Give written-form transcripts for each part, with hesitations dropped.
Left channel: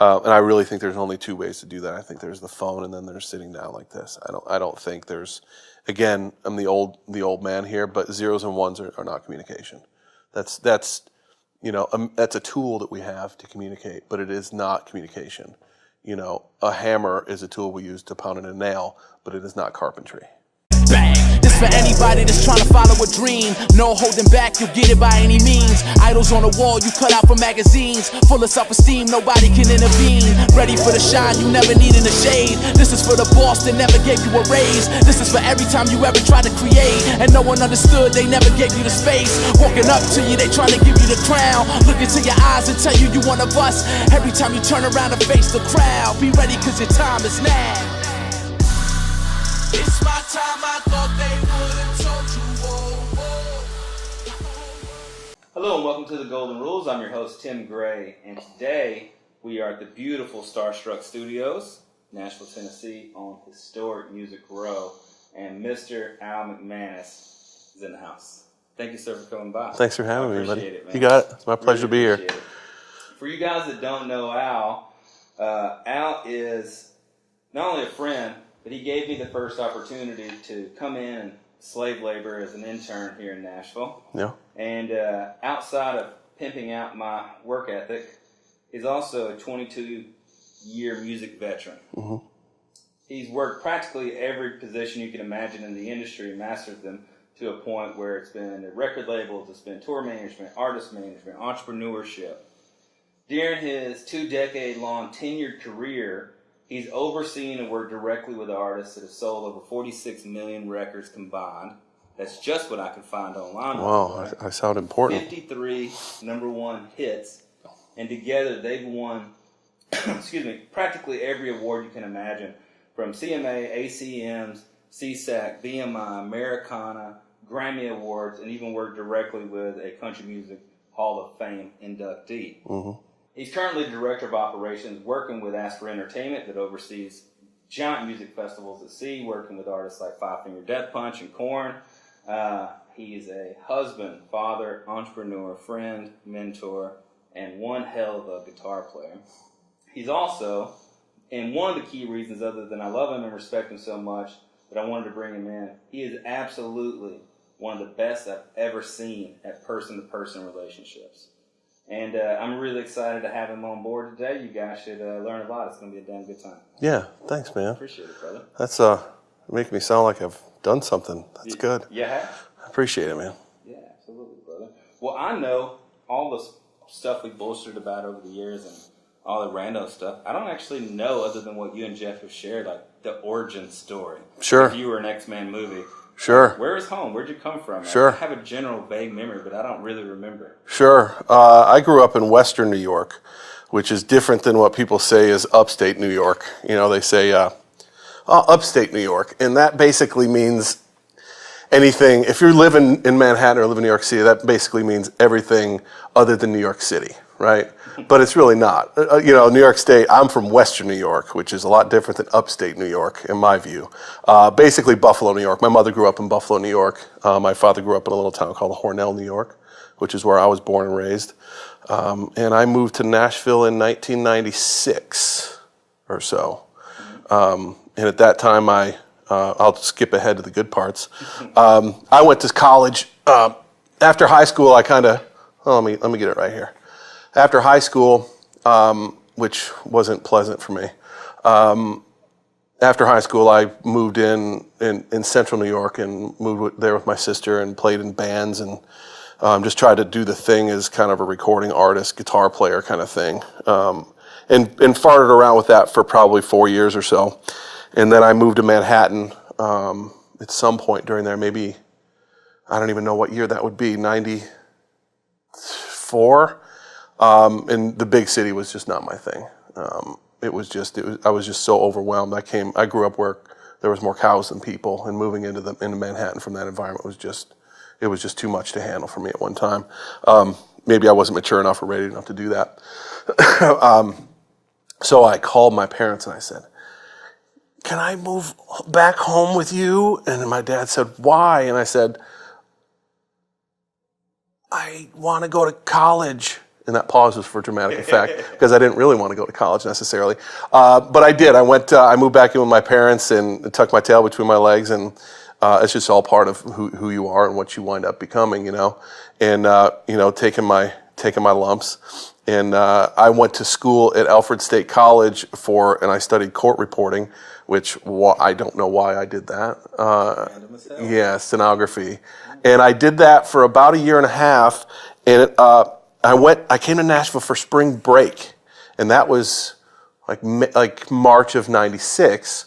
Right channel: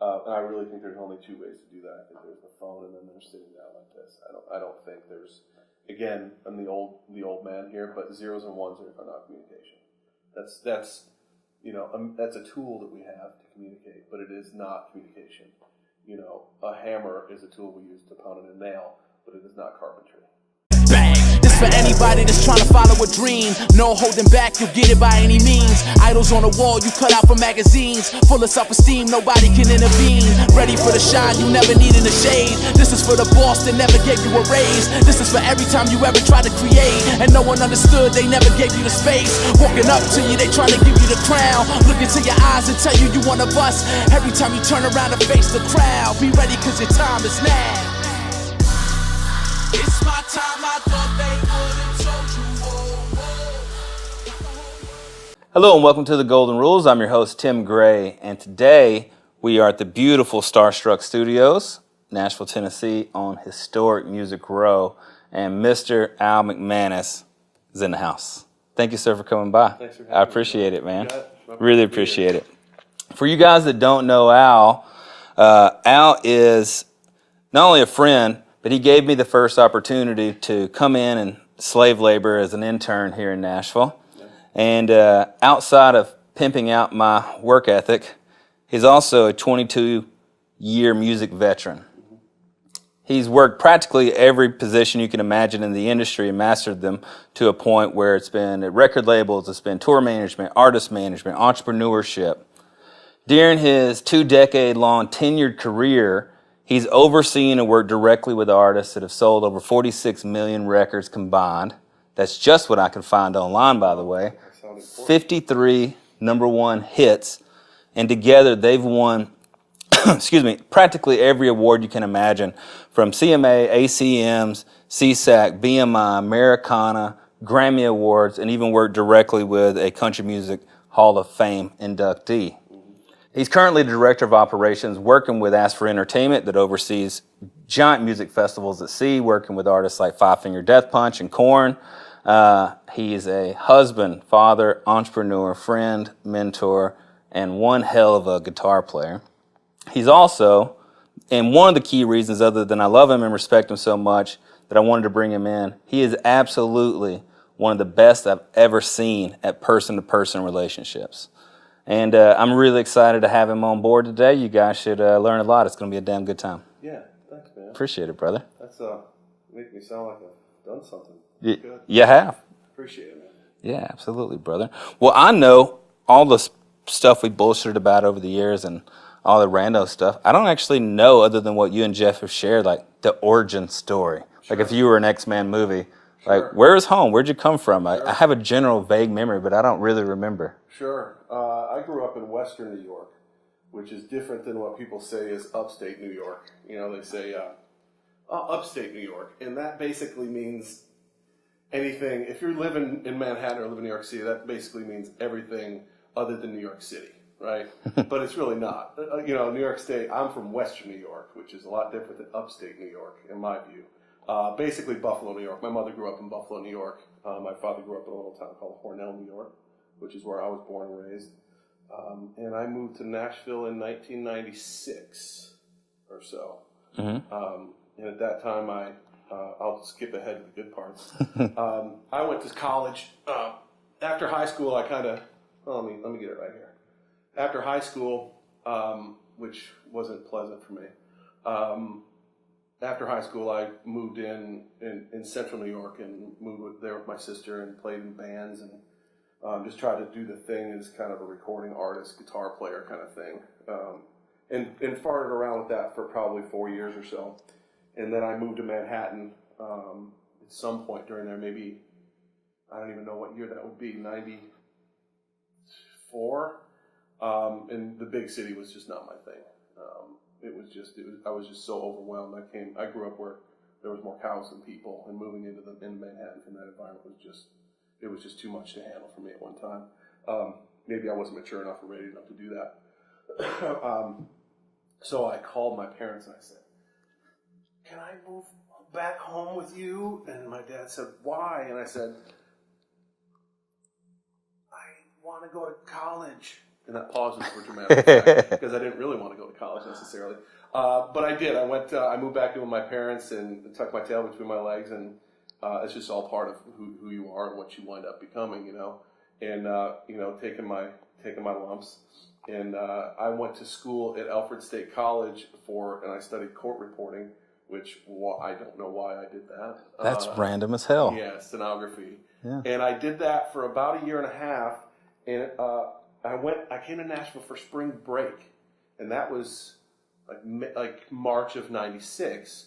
And I really think there's only two ways to do that. I think there's the phone, and then there's sitting down like this. I don't think there's. Again, I'm the old man here, but zeros and ones are not communication. That's that's a tool that we have to communicate, but it is not communication. A hammer is a tool we use to pound in a nail, but it is not carpentry. Bang! This for anybody that's trying to follow a dream. No holding back, you'll get it by any means. Idols on the wall, you cut out from magazines. Full of self-esteem, nobody can intervene. Ready for the shine, you never need in the shade. This is for the boss that never gave you a raise. This is for every time you ever tried to create and no one understood, they never gave you the space. Walking up to you, they trying to give you the crown. Look into your eyes and tell you one of us. Every time you turn around and face the crowd, be ready cause your time is now. It's my time, I thought they would've told you. Hello and welcome to The Golden Rules. I'm your host, Tim Gray, and today we are at the beautiful Starstruck Studios, Nashville, Tennessee, on historic Music Row, and Mr. Al McManus is in the house. Thank you, sir, for coming by. Thanks for having me. I appreciate it, man. You got it. It's my pleasure really to be here. appreciate it. For you guys that don't know Al, Al is not only a friend, but he gave me the first opportunity to come in and slave labor as an intern here in Nashville. Yeah. And outside of pimping out my work ethic, he's also a 22-year music veteran. Mm-hmm. He's worked practically every position you can imagine in the industry and mastered them to a point where it's been at record labels, it's been tour management, artist management, entrepreneurship. During his 2-decade-long tenured career, he's overseen and worked directly with artists that have sold over 46 million records combined. That's just what I can find online, by the way. I sound important. 53 number one hits, and together they've won, practically every award you can imagine, from CMA, ACMs, CSAC, BMI, Americana, Grammy Awards, and even worked directly with a Country Music Hall of Fame inductee. Mm-hmm. He's currently the Director of Operations working with Ask for Entertainment that oversees giant music festivals at sea, working with artists like Five Finger Death Punch and Korn. He's a husband, father, entrepreneur, friend, mentor, and one hell of a guitar player. He's also, and one of the key reasons other than I love him and respect him so much that I wanted to bring him in, he is absolutely one of the best I've ever seen at person-to-person relationships. And I'm really excited to have him on board today. You guys should learn a lot. It's going to be a damn good time. Yeah, thanks, man. Appreciate it, brother. That's making me sound like I've done something. That's good. You have. I appreciate it, man. Yeah, absolutely, brother. Well, I know all the stuff we bullshitted about over the years and all the rando stuff. I don't actually know, other than what you and Jeff have shared, like the origin story. Sure. Like if you were an X-Man movie. Sure. Like, where's home? Where'd you come from? Sure. I have a general vague memory, but I don't really remember. Sure. I grew up in Western New York, which is different than what people say is upstate New York. They say upstate New York, and that basically means anything. If you're living in Manhattan or live in New York City, that basically means everything other than New York City, right? But it's really not. New York State, I'm from Western New York, which is a lot different than upstate New York, in my view. Basically Buffalo, New York. My mother grew up in Buffalo, New York. My father grew up in a little town called Hornell, New York, which is where I was born and raised. And I moved to Nashville in 1996 or so. Mm-hmm. And at that time, I'll skip ahead to the good parts. I went to college. After high school, I kind of, let me get it right here. After high school, which wasn't pleasant for me, after high school, I moved in central New York and moved there with my sister and played in bands and just tried to do the thing as kind of a recording artist, guitar player kind of thing. And farted around with that for probably 4 years or so. And then I moved to Manhattan at some point during there, maybe, I don't even know what year that would be, 94. And the big city was just not my thing. I was just so overwhelmed. I grew up where there was more cows than people, and moving into Manhattan from that environment was just too much to handle for me at one time. Maybe I wasn't mature enough or ready enough to do that. So I called my parents and I said, "Can I move back home with you?" And my dad said, "Why?" And I said, "I want to go to college." And that pause was for dramatic effect because I didn't really want to go to college necessarily. But I did. I moved back in with my parents and tucked my tail between my legs, and it's just all part of who you are and what you wind up becoming, and taking my lumps. And I went to school at Alfred State College and I studied court reporting, which I don't know why I did that. That's random as hell. Yeah, stenography. Yeah. And I did that for about a year and a half, and I came to Nashville for spring break, and that was like March of '96.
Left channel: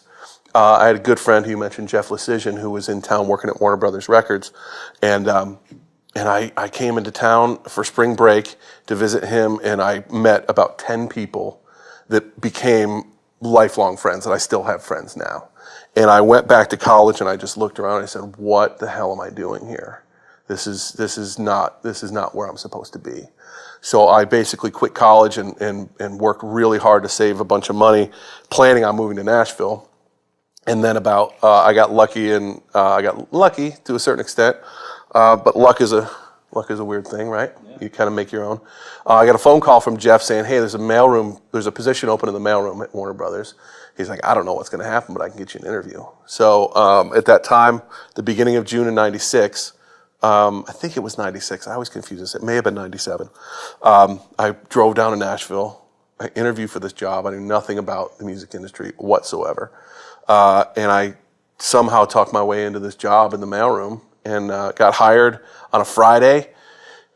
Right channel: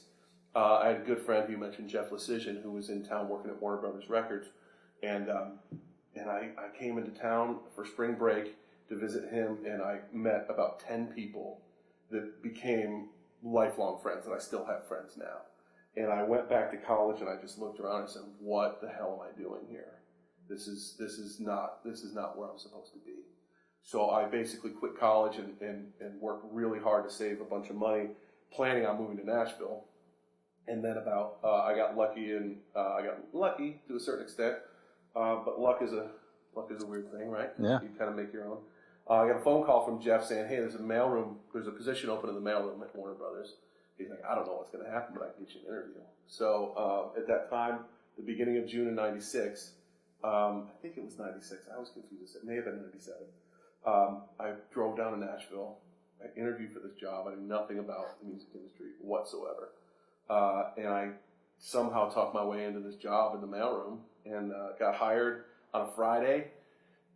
I had a good friend who you mentioned, Jeff Lecision, who was in town working at Warner Brothers Records, and I came into town for spring break to visit him, and I met about 10 people that became lifelong friends, and I still have friends now. And I went back to college, and I just looked around and I said, "What the hell am I doing here? This is not where I'm supposed to be." So I basically quit college and worked really hard to save a bunch of money, planning on moving to Nashville. And then I got lucky to a certain extent, but luck is a weird thing, right? Yeah. You kind of make your own. I got a phone call from Jeff saying, "Hey, there's a position open in the mailroom at Warner Brothers." He's like, "I don't know what's going to happen, but I can get you an interview." So at that time, the beginning of June of '96, I think it was '96. I always confuse this. It may have been '97. I drove down to Nashville. I interviewed for this job. I knew nothing about the music industry whatsoever. And I somehow talked my way into this job in the mailroom and got hired on a Friday,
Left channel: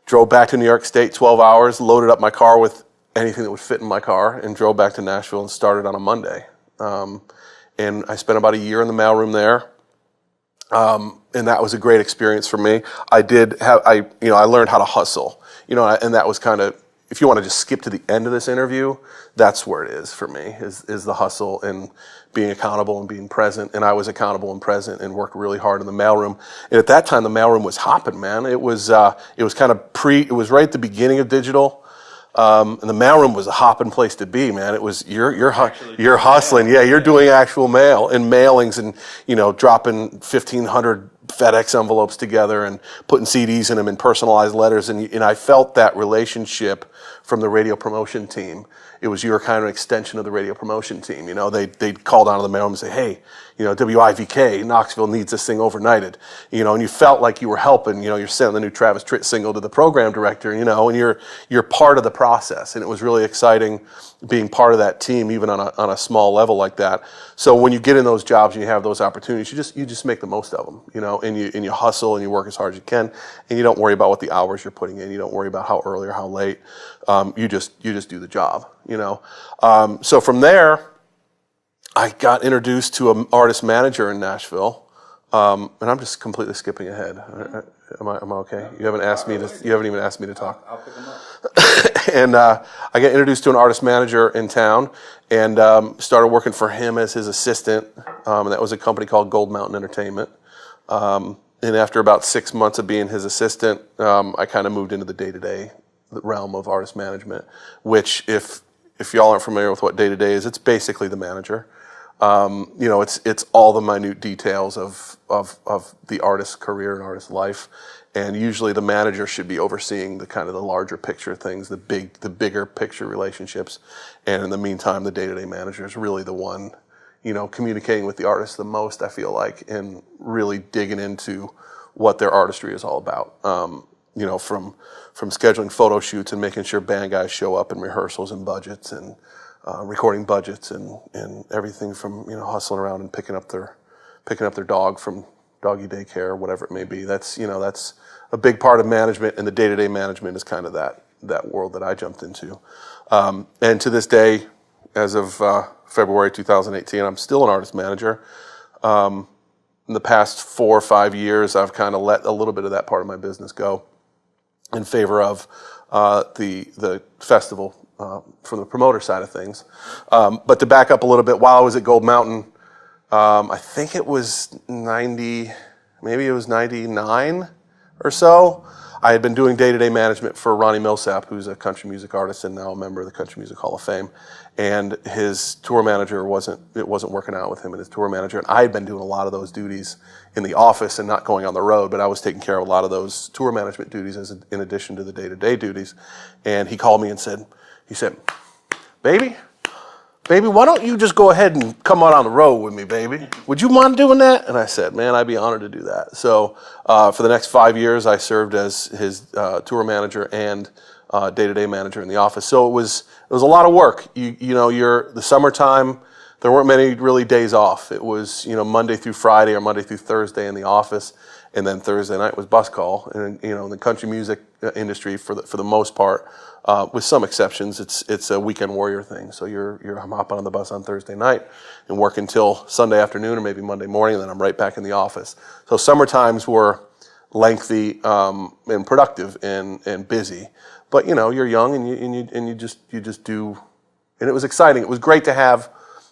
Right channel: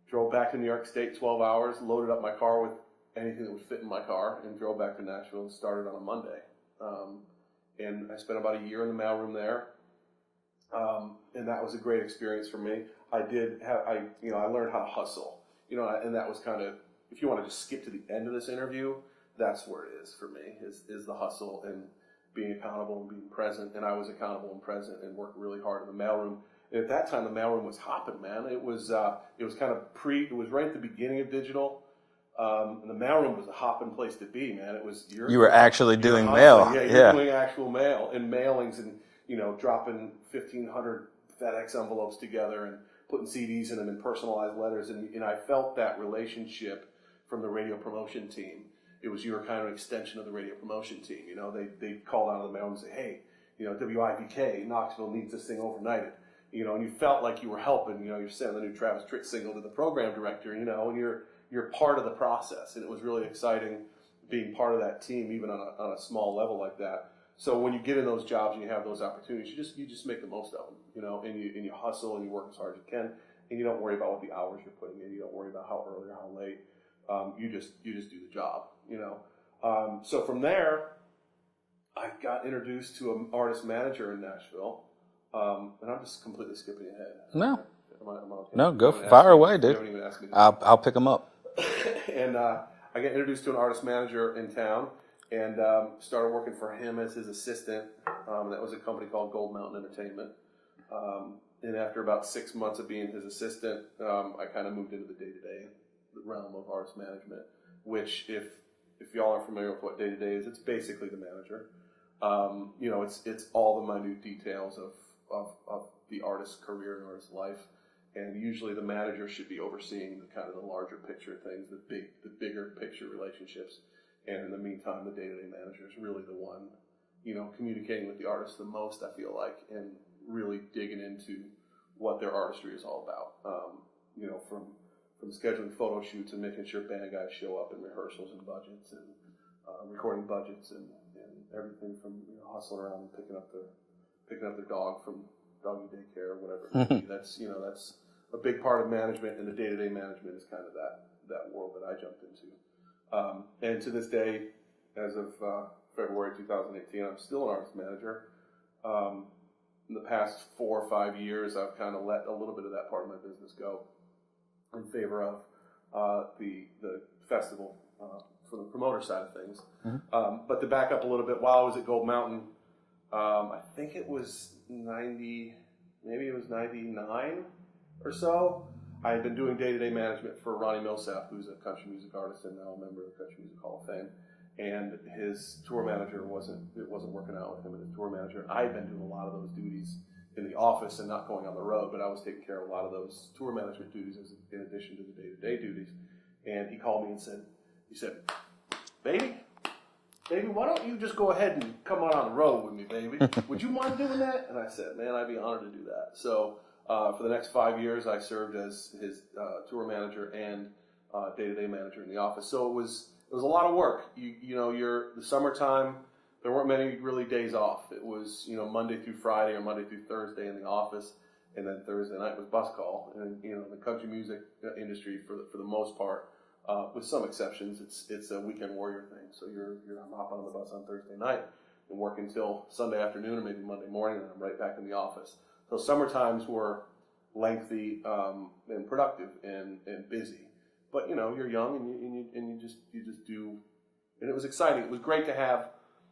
drove back to New York State 12 hours, loaded up my car with anything that would fit in my car, and drove back to Nashville and started on a Monday. And I spent about a year in the mailroom there. And that was a great experience for me. I learned how to hustle, and that was kind of, if you want to just skip to the end of this interview, that's where it is for me, is the hustle and being accountable and being present. And I was accountable and present and worked really hard in the mailroom. And at that time, the mailroom was hopping, man. It was kind of it was right at the beginning of digital. And the mailroom was a hopping place to be, man. It was you're hustling, mail. Yeah, you're doing actual mail and mailings, and dropping 1,500 FedEx envelopes together and putting CDs in them and personalized letters. And I felt that relationship from the radio promotion team. It was your kind of extension of the radio promotion team. They'd call down to the mailroom and say, "Hey, WIVK, Knoxville needs this thing overnighted." And you felt like you were helping. You're sending the new Travis Tritt single to the program director, and you're part of the process. And it was really exciting being part of that team, even on a small level like that. So when you get in those jobs and you have those opportunities, you just make the most of them, and you hustle and you work as hard as you can, and you don't worry about what the hours you're putting in. You don't worry about how early or how late. You just do the job, So from there, I got introduced to an artist manager in Nashville, and I'm just completely skipping ahead. No. Am I okay? No, You haven't even asked me to talk. I'll pick them up. And I got introduced to an artist manager in town and started working for him as his assistant. And that was a company called Gold Mountain Entertainment. And after about 6 months of being his assistant, I kind of moved into the day-to-day realm of artist management, which if y'all aren't familiar with what day-to-day is, it's basically the manager. It's all the minute details of the artist's career and artist's life, and usually the manager should be overseeing the kind of the larger picture things, the bigger picture relationships, and in the meantime, the day-to-day manager is really the one, communicating with the artist the most, I feel like, and really digging into what their artistry is all about. From scheduling photo shoots and making sure band guys show up in rehearsals and budgets and recording budgets and everything from hustling around and picking up their dog from doggy daycare or whatever it may be. That's a big part of management, and the day-to-day management is kind of that world that I jumped into. And to this day, as of February 2018, I'm still an artist manager. In the past 4 or 5 years, I've kind of let a little bit of that part of my business go in favor of the festival from the promoter side of things. But to back up a little bit, while I was at Gold Mountain, I think it was 99 or so, I had been doing day-to-day management for Ronnie Millsap, who's a country music artist and now a member of the Country Music Hall of Fame. And his tour manager wasn't working out with him and his tour manager. And I had been doing a lot of those duties in the office and not going on the road, but I was taking care of a lot of those tour management duties in addition to the day-to-day duties. And he called me and said, baby, why don't you just go ahead and come out on the road with me, baby? Would you mind doing that? And I said, man, I'd be honored to do that. So for the next 5 years, I served as his tour manager and day-to-day manager in the office. So it was a lot of work. The summertime, there weren't many really days off. It was Monday through Friday or Monday through Thursday in the office, and then Thursday night was bus call. And in the country music industry, for the most part, with some exceptions, it's a weekend warrior thing. So I'm hopping on the bus on Thursday night and work until Sunday afternoon or maybe Monday morning, and then I'm right back in the office. So summer times were lengthy and productive and busy. But you're young and you just do, and it was exciting. It was great to have.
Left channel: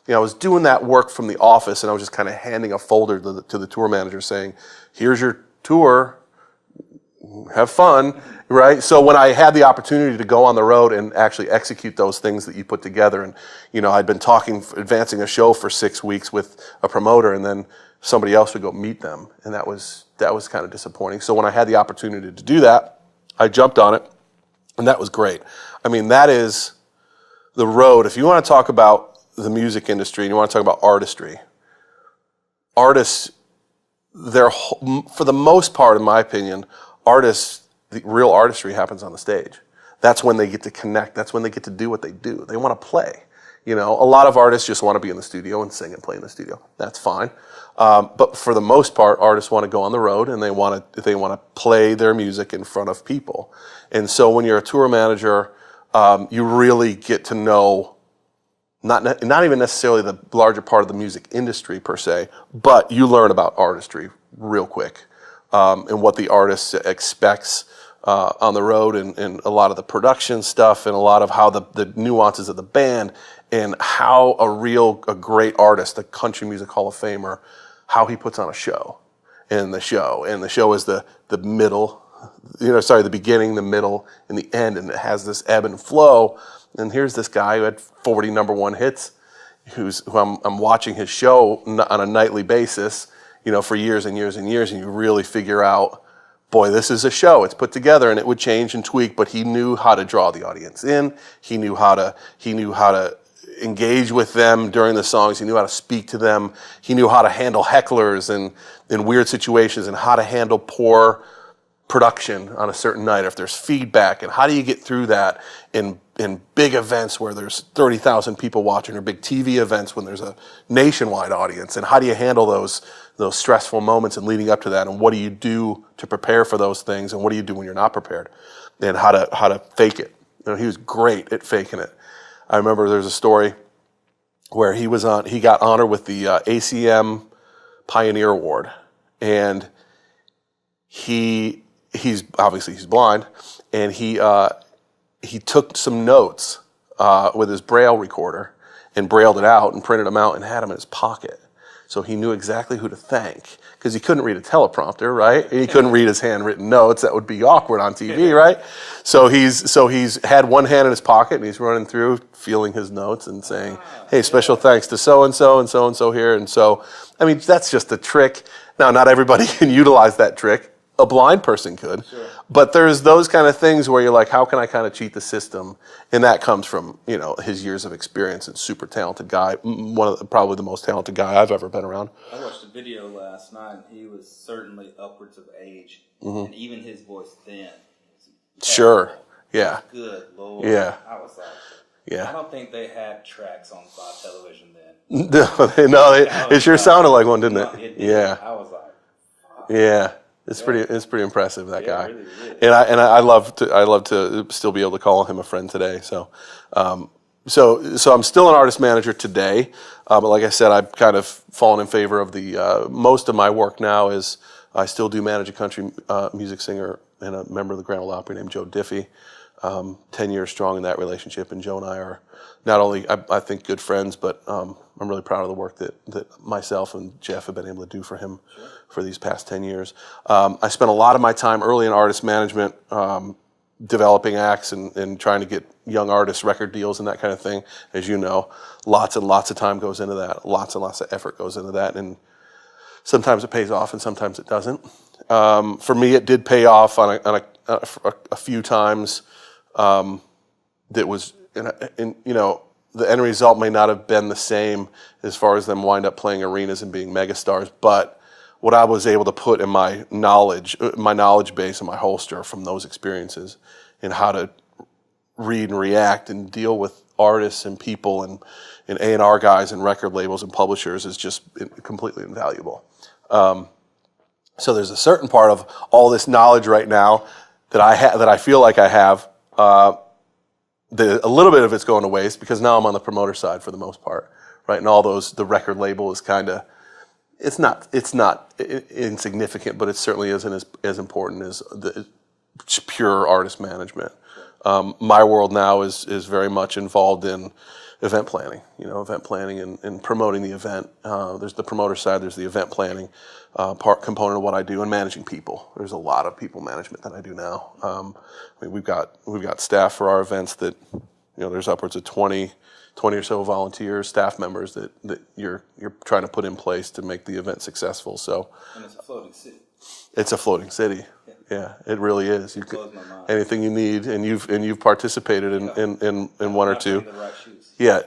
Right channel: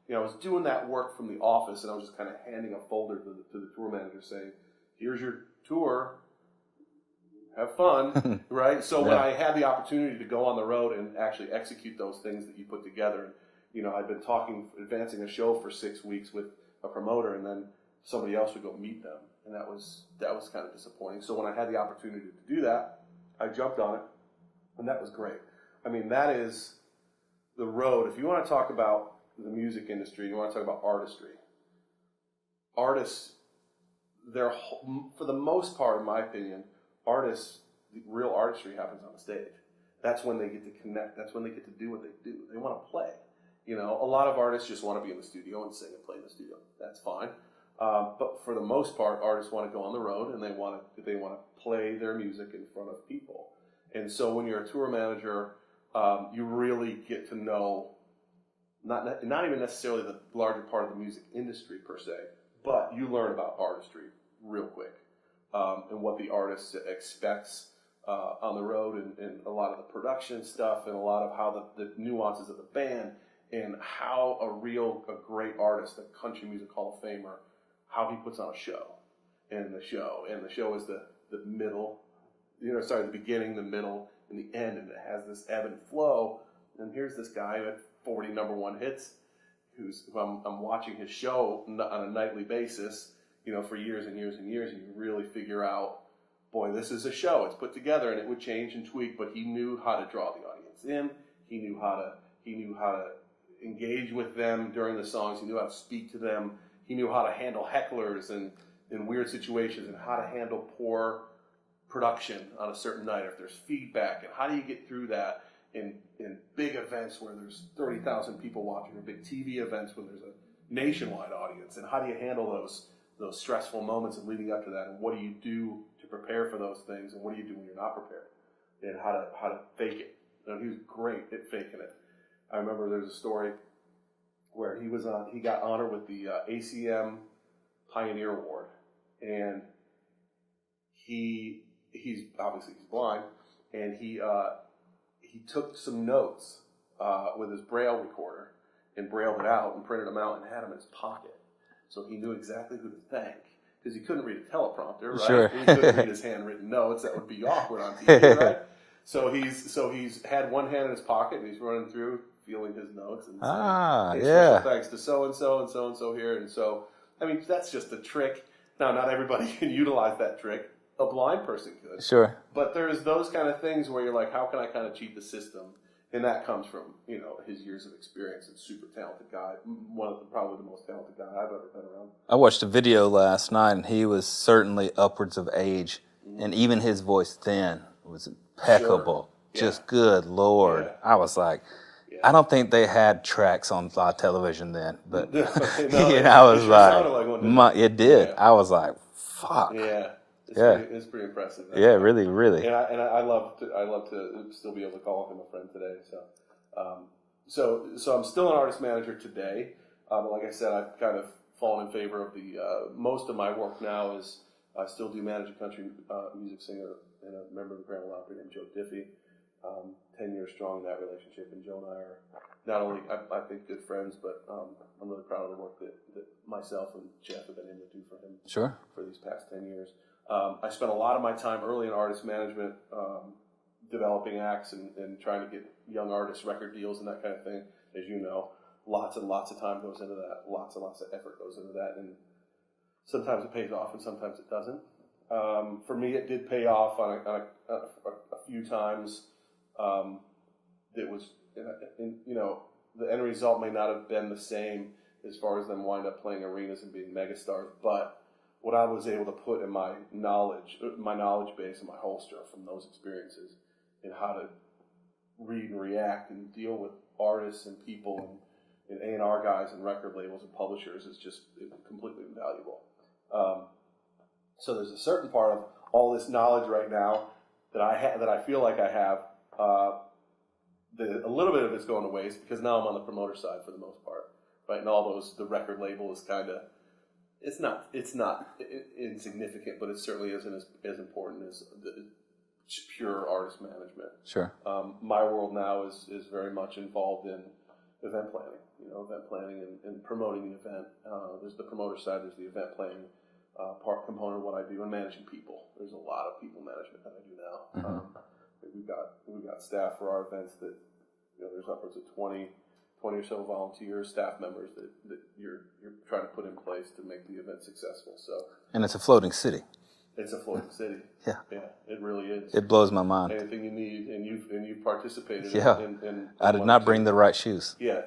I was doing that work from the office, and I was just kind of handing a folder to the tour manager saying, "Here's your tour. Have fun," right? So when I had the opportunity to go on the road and actually execute those things that you put together, and I'd been advancing a show for 6 weeks with a promoter, and then somebody else would go meet them, and that was kind of disappointing. So when I had the opportunity to do that, I jumped on it. And that was great. I mean, that is the road. If you want to talk about the music industry and you want to talk about artistry, artists, for the most part, in my opinion, the real artistry happens on the stage. That's when they get to connect. That's when they get to do what they do. They want to play. A lot of artists just want to be in the studio and sing and play in the studio. That's fine. But for the most part, artists want to go on the road and they want to play their music in front of people. And so when you're a tour manager, you really get to know not even necessarily the larger part of the music industry per se, but you learn about artistry real quick and what the artist expects on the road and a lot of the production stuff and a lot of how the nuances of the band and how a great artist, a Country Music Hall of Famer, how he puts on a show. And the show is the middle, the beginning, the middle, and the end, and it has this ebb and flow. And here's this guy who had 40 number one hits, who I'm watching his show on a nightly basis, for years and years and years, and you really figure out, boy, this is a show. It's put together, and it would change and tweak, but he knew how to draw the audience in. He knew how to engage with them during the songs. He knew how to speak to them. He knew how to handle hecklers and in weird situations and how to handle poor production on a certain night if there's feedback, and how do you get through that in big events where there's 30,000 people watching, or big TV events when there's a nationwide audience, and how do you handle those stressful moments and leading up to that, and what do you do to prepare for those things, and what do you do when you're not prepared, and how to fake it. He was great at faking it. I remember there's a story where he got honored with the ACM Pioneer Award, and he's blind, and he took some notes with his Braille recorder and brailled it out and printed them out and had them in his pocket. So he knew exactly who to thank, because he couldn't read a teleprompter, right? Sure. He couldn't read his handwritten notes. That would be awkward on TV, right? So he's had one hand in his pocket and he's running through, feeling his notes and saying, "Hey, special thanks to so and so here." And so, I mean, that's just a trick. Now, not everybody can utilize that trick. A blind person could. Sure. But there's those kind of things where you're like, how can I kind of cheat the system? And that comes from, his years of experience and super talented guy. Probably the most talented guy I've ever been around. I watched a video last night, and he was certainly upwards of age, and even his voice then was impeccable. Sure. Yeah. Just good Lord. Yeah. I was like, yeah. I don't think they had tracks on television then. No, it sure sounded like one, didn't it? It did. Yeah. I was like, fuck. Yeah. It's pretty impressive. That guy. really, really. And I love to still be able to call him a friend today. So, so I'm still an artist manager today. But like I said, I've kind of fallen in favor of the most of my work now is I still do manage a country music singer and a member of the Grand Ole Opry named Joe Diffie. 10 years strong in that relationship, and Joe and I are not only, I think, good friends, but I'm really proud of the work that myself and Jeff have been able to do for him for these past 10 years. I spent a lot of my time early in artist management, developing acts and trying to get young artists record deals and that kind of thing. As you know, lots and lots of time goes into that, lots and lots of effort goes into that, and sometimes it pays off and sometimes it doesn't. For me, it did pay off on a few times. That was, the end result may not have been the same as far as them wind up playing arenas and being megastars, but what I was able to put in my knowledge base in my holster from those experiences and how to read and react and deal with artists and people and A&R guys and record labels and publishers is just completely invaluable. So there's a certain part of all this knowledge right now that I feel like I have. A little bit of it's going to waste because now I'm on the promoter side for the most part, right? And all the record label is kind of, it's not insignificant, but it certainly isn't as important as the pure artist management. Sure. My world now is very much involved in event planning, and promoting the event. There's the promoter side, there's the event planning component of what I do, and managing people. There's a lot of people management that I do now. We've got staff for our events that, there's upwards of 20 or so volunteers, staff members that you're trying to put in place to make the event successful. So, and it's a floating city. It's a floating city. Yeah, it really is. It blows my mind. Anything you need, and you've participated in I did one or not two. bring the right shoes. Yeah,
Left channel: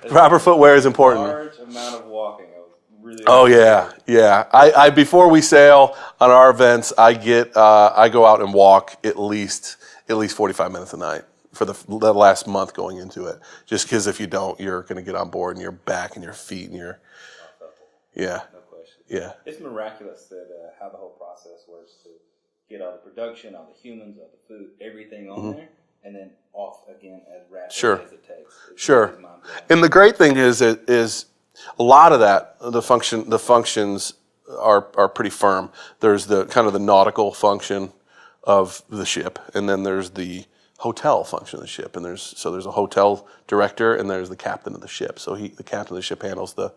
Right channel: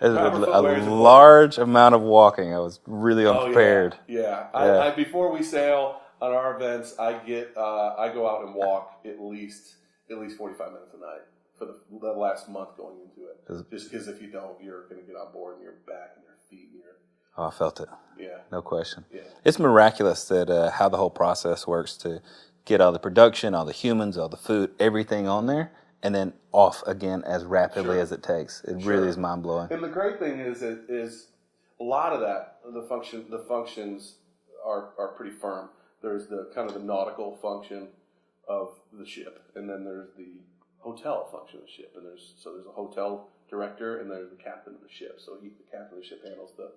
proper footwear is important. Large amount of walking. I was really unprepared. Yeah. I before we sail on our events, I go out and walk at least 45 minutes a night for the last month going into it. Just because if you don't, you're going to get on board and your back and your feet and your. Oh, I felt it. Yeah. No question. Yeah. It's miraculous that how the whole process works to get all the production, all the humans, all the food, everything on there, and then off again as rapidly as it takes. It really is mind blowing. And the great thing is a lot of that the functions are pretty firm. There's the kind of the nautical function of the ship, and then there's the hotel function of the ship, and there's a hotel director and there's the captain of the ship. So the captain of the ship handles the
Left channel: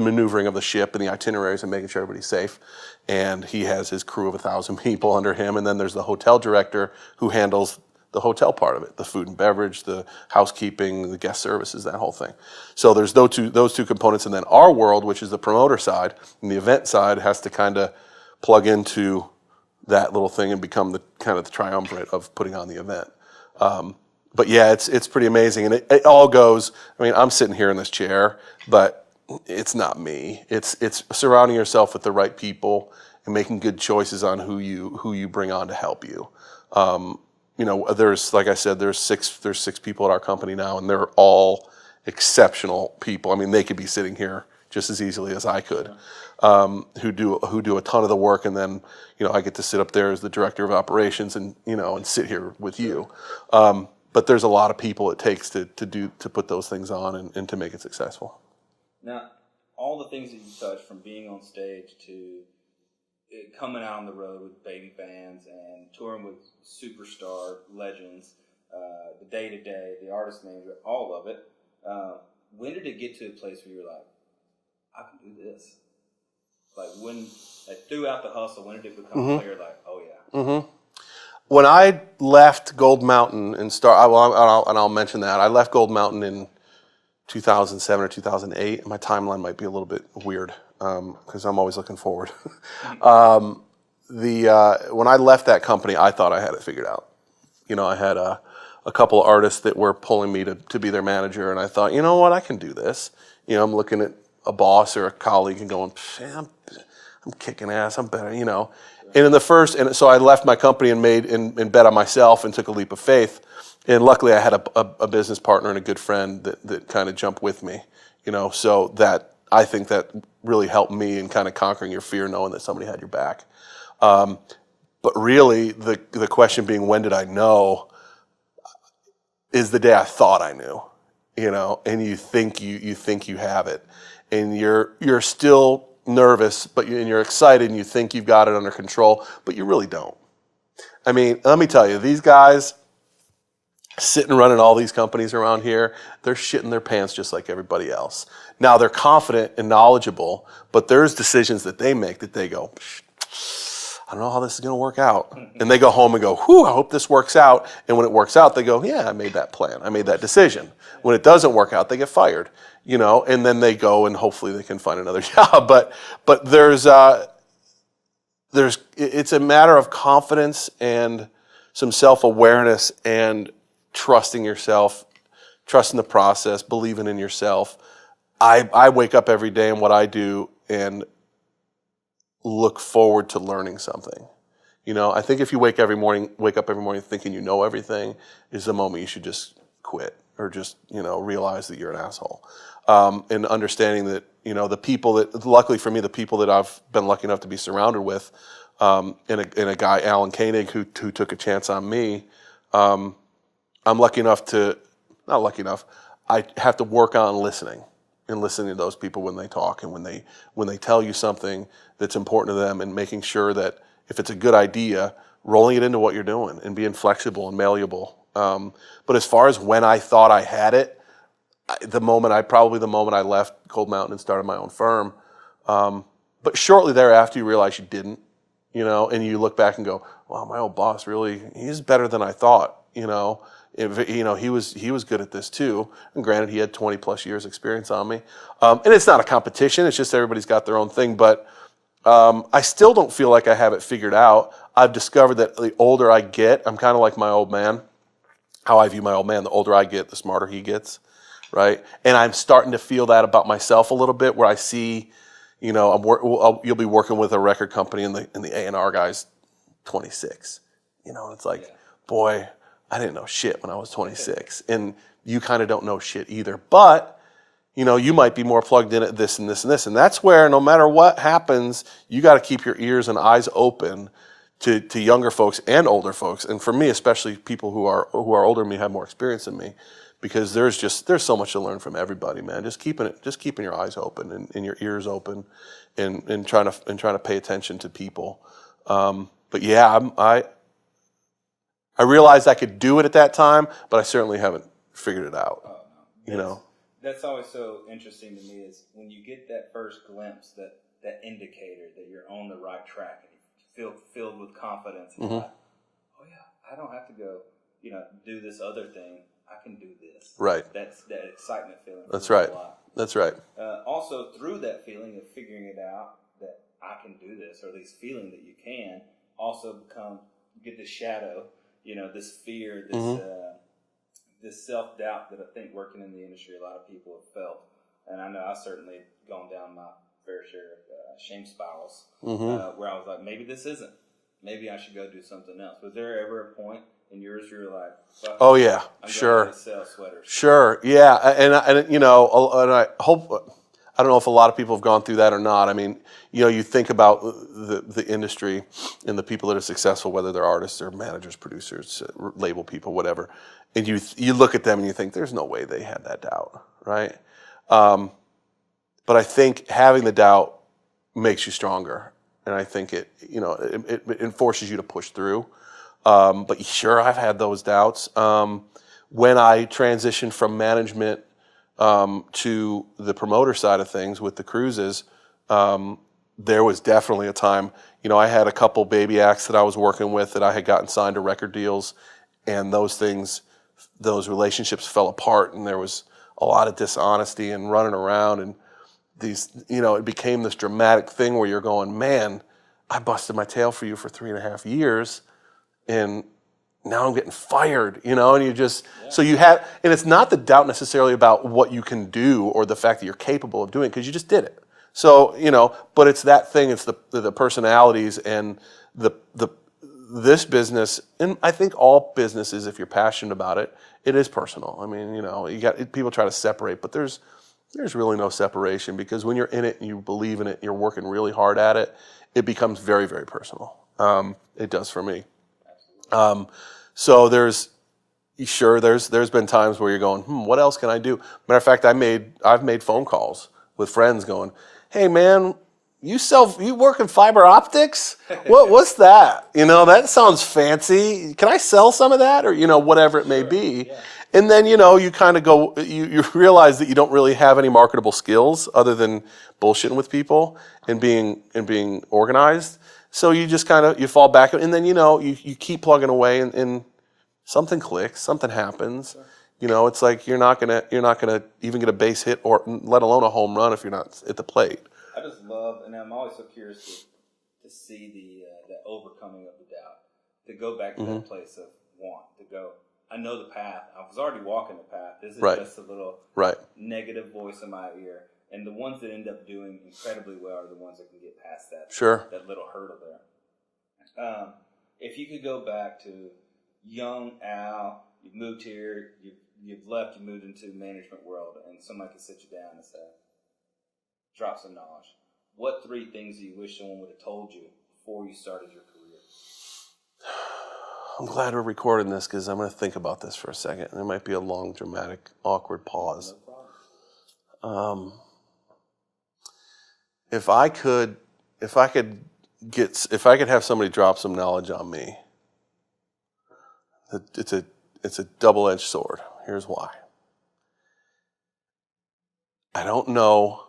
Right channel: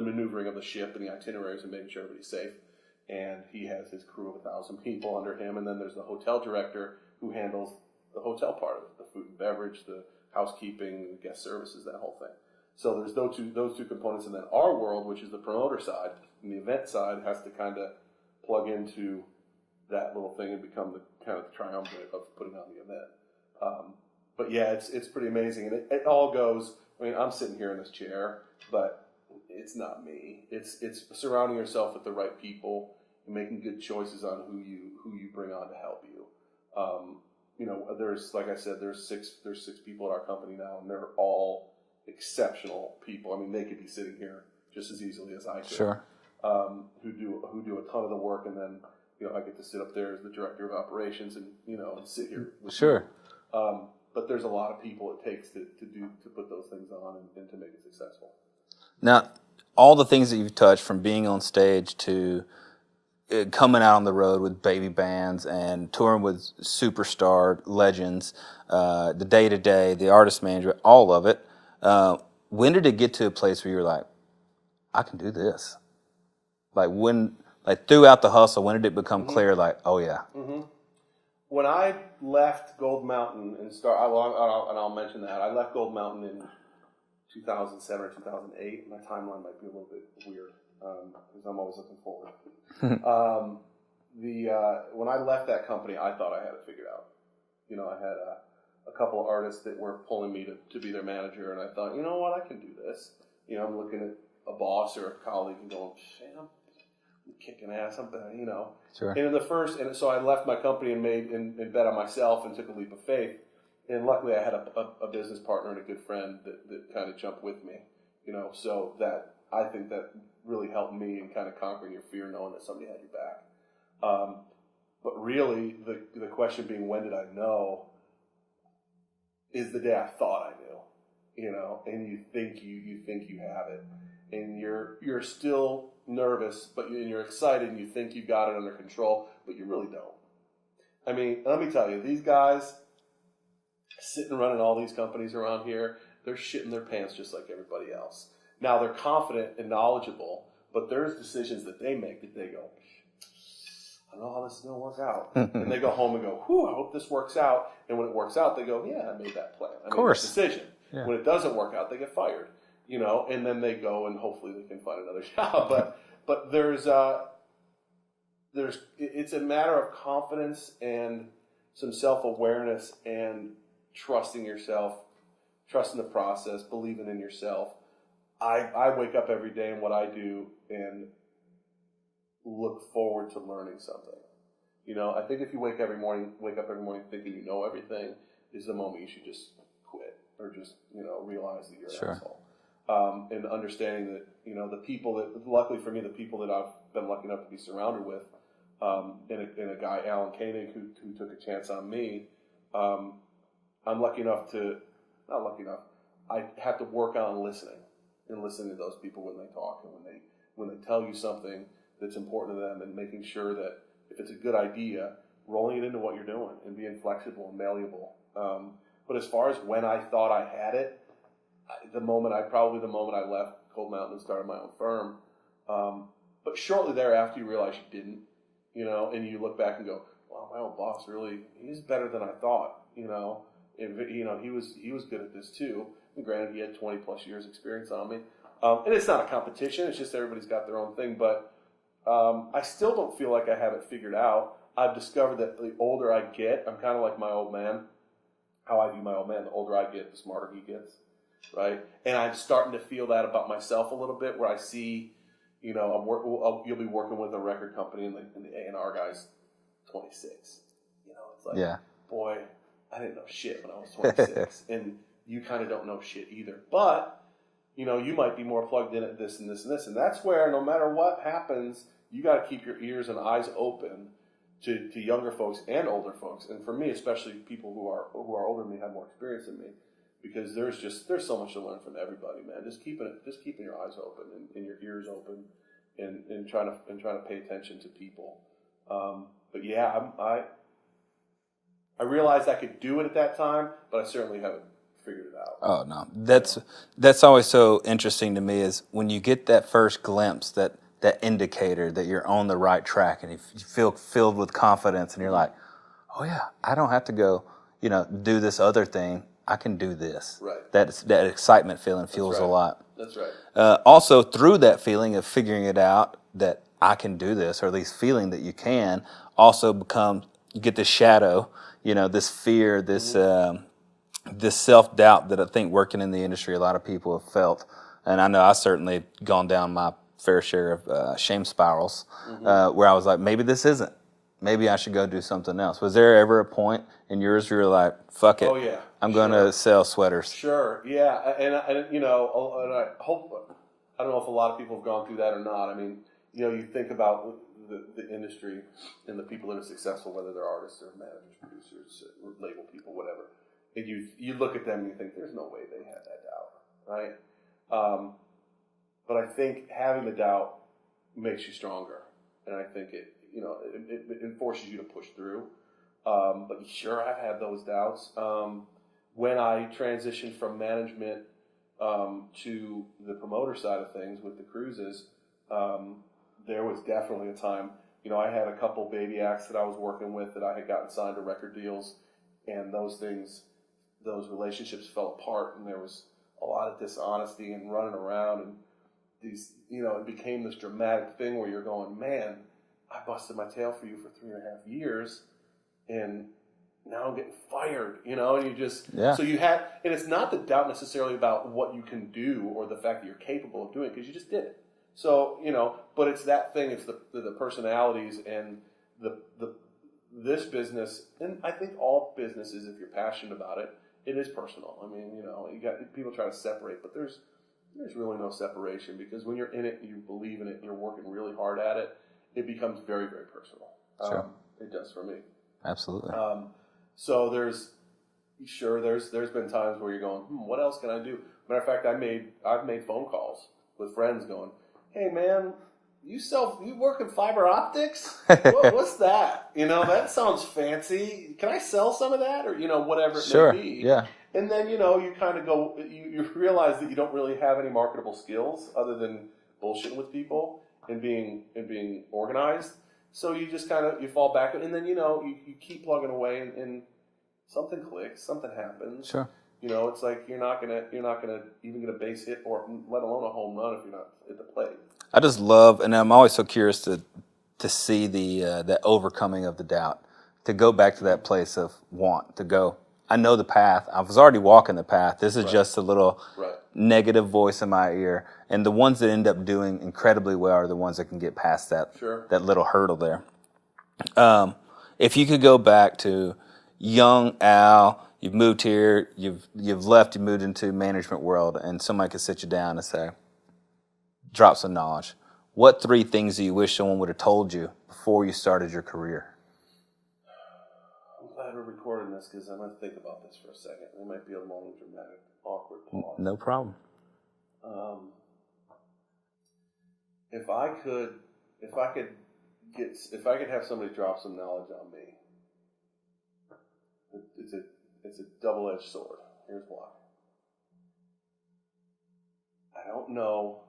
maneuvering of the ship and the itineraries and making sure everybody's safe, and he has his crew of 1,000 people under him. And then there's the hotel director who handles the hotel part of it, the food and beverage, the housekeeping, the guest services, that whole thing. So there's those two components, and then our world, which is the promoter side and the event side, has to kind of plug into that little thing and become the kind of the triumvirate of putting on the event. But yeah, it's pretty amazing, and it all goes. I mean, I'm sitting here in this chair, but it's not me. It's surrounding yourself with the right people and making good choices on who you bring on to help you. There's, like I said, there's six people at our company now, and they're all exceptional people. I mean, they could be sitting here just as easily as I could. Sure. Who do a ton of the work, and then I get to sit up there as the director of operations and sit here with you. But there's a lot of people it takes to put those things on and to make it successful. Now, all the things that you've touched, from being on stage to coming out on the road with baby bands and touring with superstar legends, the day-to-day, the artist management, all of it, when did it get to a place where you were like, I can do this? Like throughout the hustle, when did it become clear, like, oh yeah? Mm-hmm. When I left Gold Mountain and I'll mention that, I left Gold Mountain in 2007 or 2008. My timeline might be a little bit weird because I'm always looking forward. When I left that company, I thought I had it figured out. I had a couple of artists that were pulling me to be their manager, and I thought, you know what, I can do this. I'm looking at a boss or a colleague and going, I'm kicking ass, I'm better, Sure. And so I left my company and bet on myself and took a leap of faith. And luckily I had a business partner and a good friend that kind of jumped with me, so that I think that really helped me in kind of conquering your fear, knowing that somebody had your back. But really the question being, when did I know, is the day I thought I knew, and you think you have it, and you're still nervous, and you're excited, and you think you've got it under control, but you really don't. I mean, let me tell you, these guys, sitting running all these companies around here, they're shitting their pants just like everybody else. Now they're confident and knowledgeable, but there's decisions that they make that they go, I don't know how this is going to work out. And they go home and go, whew, I hope this works out. And when it works out, they go, yeah, I made that plan. I made that decision. Yeah. When it doesn't work out, they get fired, and then they go and hopefully they can find another job. But it's a matter of confidence and some self-awareness and trusting yourself, trusting the process, believing in yourself. I wake up every day in what I do and look forward to learning something. I think if you wake up every morning thinking you know everything is the moment you should just quit or just, realize that you're an asshole. And understanding that, the people that, luckily for me, the people that I've been lucky enough to be surrounded with, and a guy, Alan Koenig, who took a chance on me, I'm lucky enough not lucky enough, I have to work on listening and listening to those people when they talk and when they tell you something that's important to them and making sure that if it's a good idea, rolling it into what you're doing and being flexible and malleable. But as far as when I thought I had it, the moment I left Cold Mountain and started my own firm. But shortly thereafter, you realize you didn't, and you look back and go, wow, my old boss he's better than I thought, he was good at this too. And granted, he had 20 plus years experience on me. And it's not a competition. It's just everybody's got their own thing. But I still don't feel like I have it figured out. I've discovered that the older I get, I'm kind of like my old man. How I view my old man, the older I get, the smarter he gets, right? And I'm starting to feel that about myself a little bit, where I see, you'll be working with a record company and the A&R guy's 26. It's like, boy, I didn't know shit when I was 26. And you kind of don't know shit either. But, you might be more plugged in at this and this and this. And that's where no matter what happens, you got to keep your ears and eyes open to younger folks and older folks. And for me, especially people who are older than me, have more experience than me, because there's so much to learn from everybody, man. Just keeping your eyes open and your ears open and trying to pay attention to people. But yeah, I realized I could do it at that time, but I certainly haven't figured it out. Oh no, that's always so interesting to me, is when you get that first glimpse, that indicator that you're on the right track, and you feel filled with confidence, and you're like, oh yeah, I don't have to go, do this other thing. I can do this. Right. That excitement feeling feels a lot. That's right. Also, through that feeling of figuring it out, that I can do this, or at least feeling that you can, also you get this shadow, this fear, this self-doubt that I think working in the industry, a lot of people have felt. And I know I certainly gone down my fair share of shame spirals, where I was like, maybe this isn't. Maybe I should go do something else. Was there ever a point in yours where you were like, fuck it? Oh yeah, I'm going to sell sweaters. Sure, yeah, and I hope, I don't know if a lot of people have gone through that or not. I mean, you think about the industry and the people that are successful, whether they're artists or managers, producers, label people, whatever, and you look at them and you think, there's no way they had that doubt, right? But I think having the doubt makes you stronger, and I think it forces you to push through. But sure, I've had those doubts. When I transitioned from management to the promoter side of things with the cruises, there was definitely a time, I had a couple baby acts that I was working with that I had gotten signed to record deals, and those relationships fell apart, and there was a lot of dishonesty and running around, and it became this dramatic thing where you're going, man, I busted my tail for you for 3.5 years, and now I'm getting fired, and you just, so you have, and it's not the doubt necessarily about what you can do or the fact that you're capable of doing it, because you just did it. So, but it's that thing, it's the personalities and this business, and I think all businesses, if you're passionate about it, it is personal. I mean, you got people try to separate, but there's really no separation, because when you're in it and you believe in it and you're working really hard at it, it becomes very, very personal. It does for me. Absolutely. So there's been times where you're going, what else can I do? Matter of fact, I've made phone calls with friends going, hey man, you work in fiber optics? What's that? That sounds fancy. Can I sell some of that? Or, whatever it may be. Yeah. And then, you kind of go, you realize that you don't really have any marketable skills other than bullshitting with people and being organized. So you just kind of, you fall back, and then, you keep plugging away and something clicks, something happens. Sure. It's like you're not gonna even get a base hit, or let alone a home run if you're not at the plate. I just love, and I'm always so curious to see the overcoming of the doubt, to go back to that place of want, to go, I know the path. I was already walking the path. This is just a little negative voice in my ear. And the ones that end up doing incredibly well are the ones that can get past that that little hurdle there. If you could go back to young Al, you've moved here, you've left, you moved into management world, and somebody could sit you down and say, drop some knowledge. What 3 things do you wish someone would have told you before you started your career? I'm glad we're recording this because I'm going to think about this for a second. There might be a long, dramatic, awkward pause. No problem. If I could have somebody drop some knowledge on me, it's a double-edged sword. Here's why. I don't know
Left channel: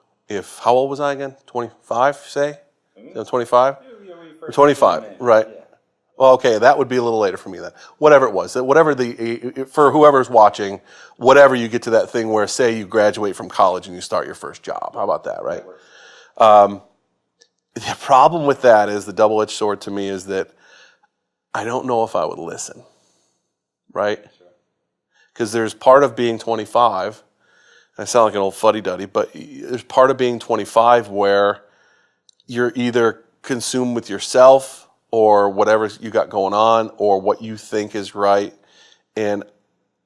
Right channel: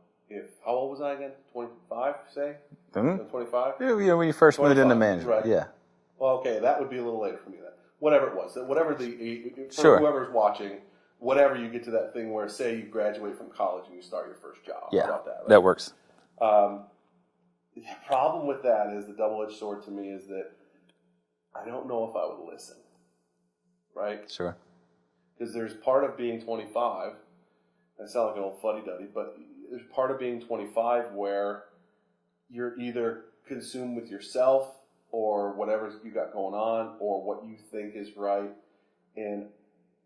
how old was I again? 25, say? 25? Yeah, when you first 25, moved into management. right. Yeah. Well, okay, that would be a little later for me then. Whatever it was, whoever's watching, whatever you get to that thing where, say, you graduate from college and you start your first job. Yeah, how about that, right? That works. The problem with that is, the double-edged sword to me is that I don't know if I would listen, right? Sure. Because there's part of being 25, I sound like an old fuddy-duddy, but there's part of being 25 where you're either consumed with yourself or whatever you got going on or what you think is right, and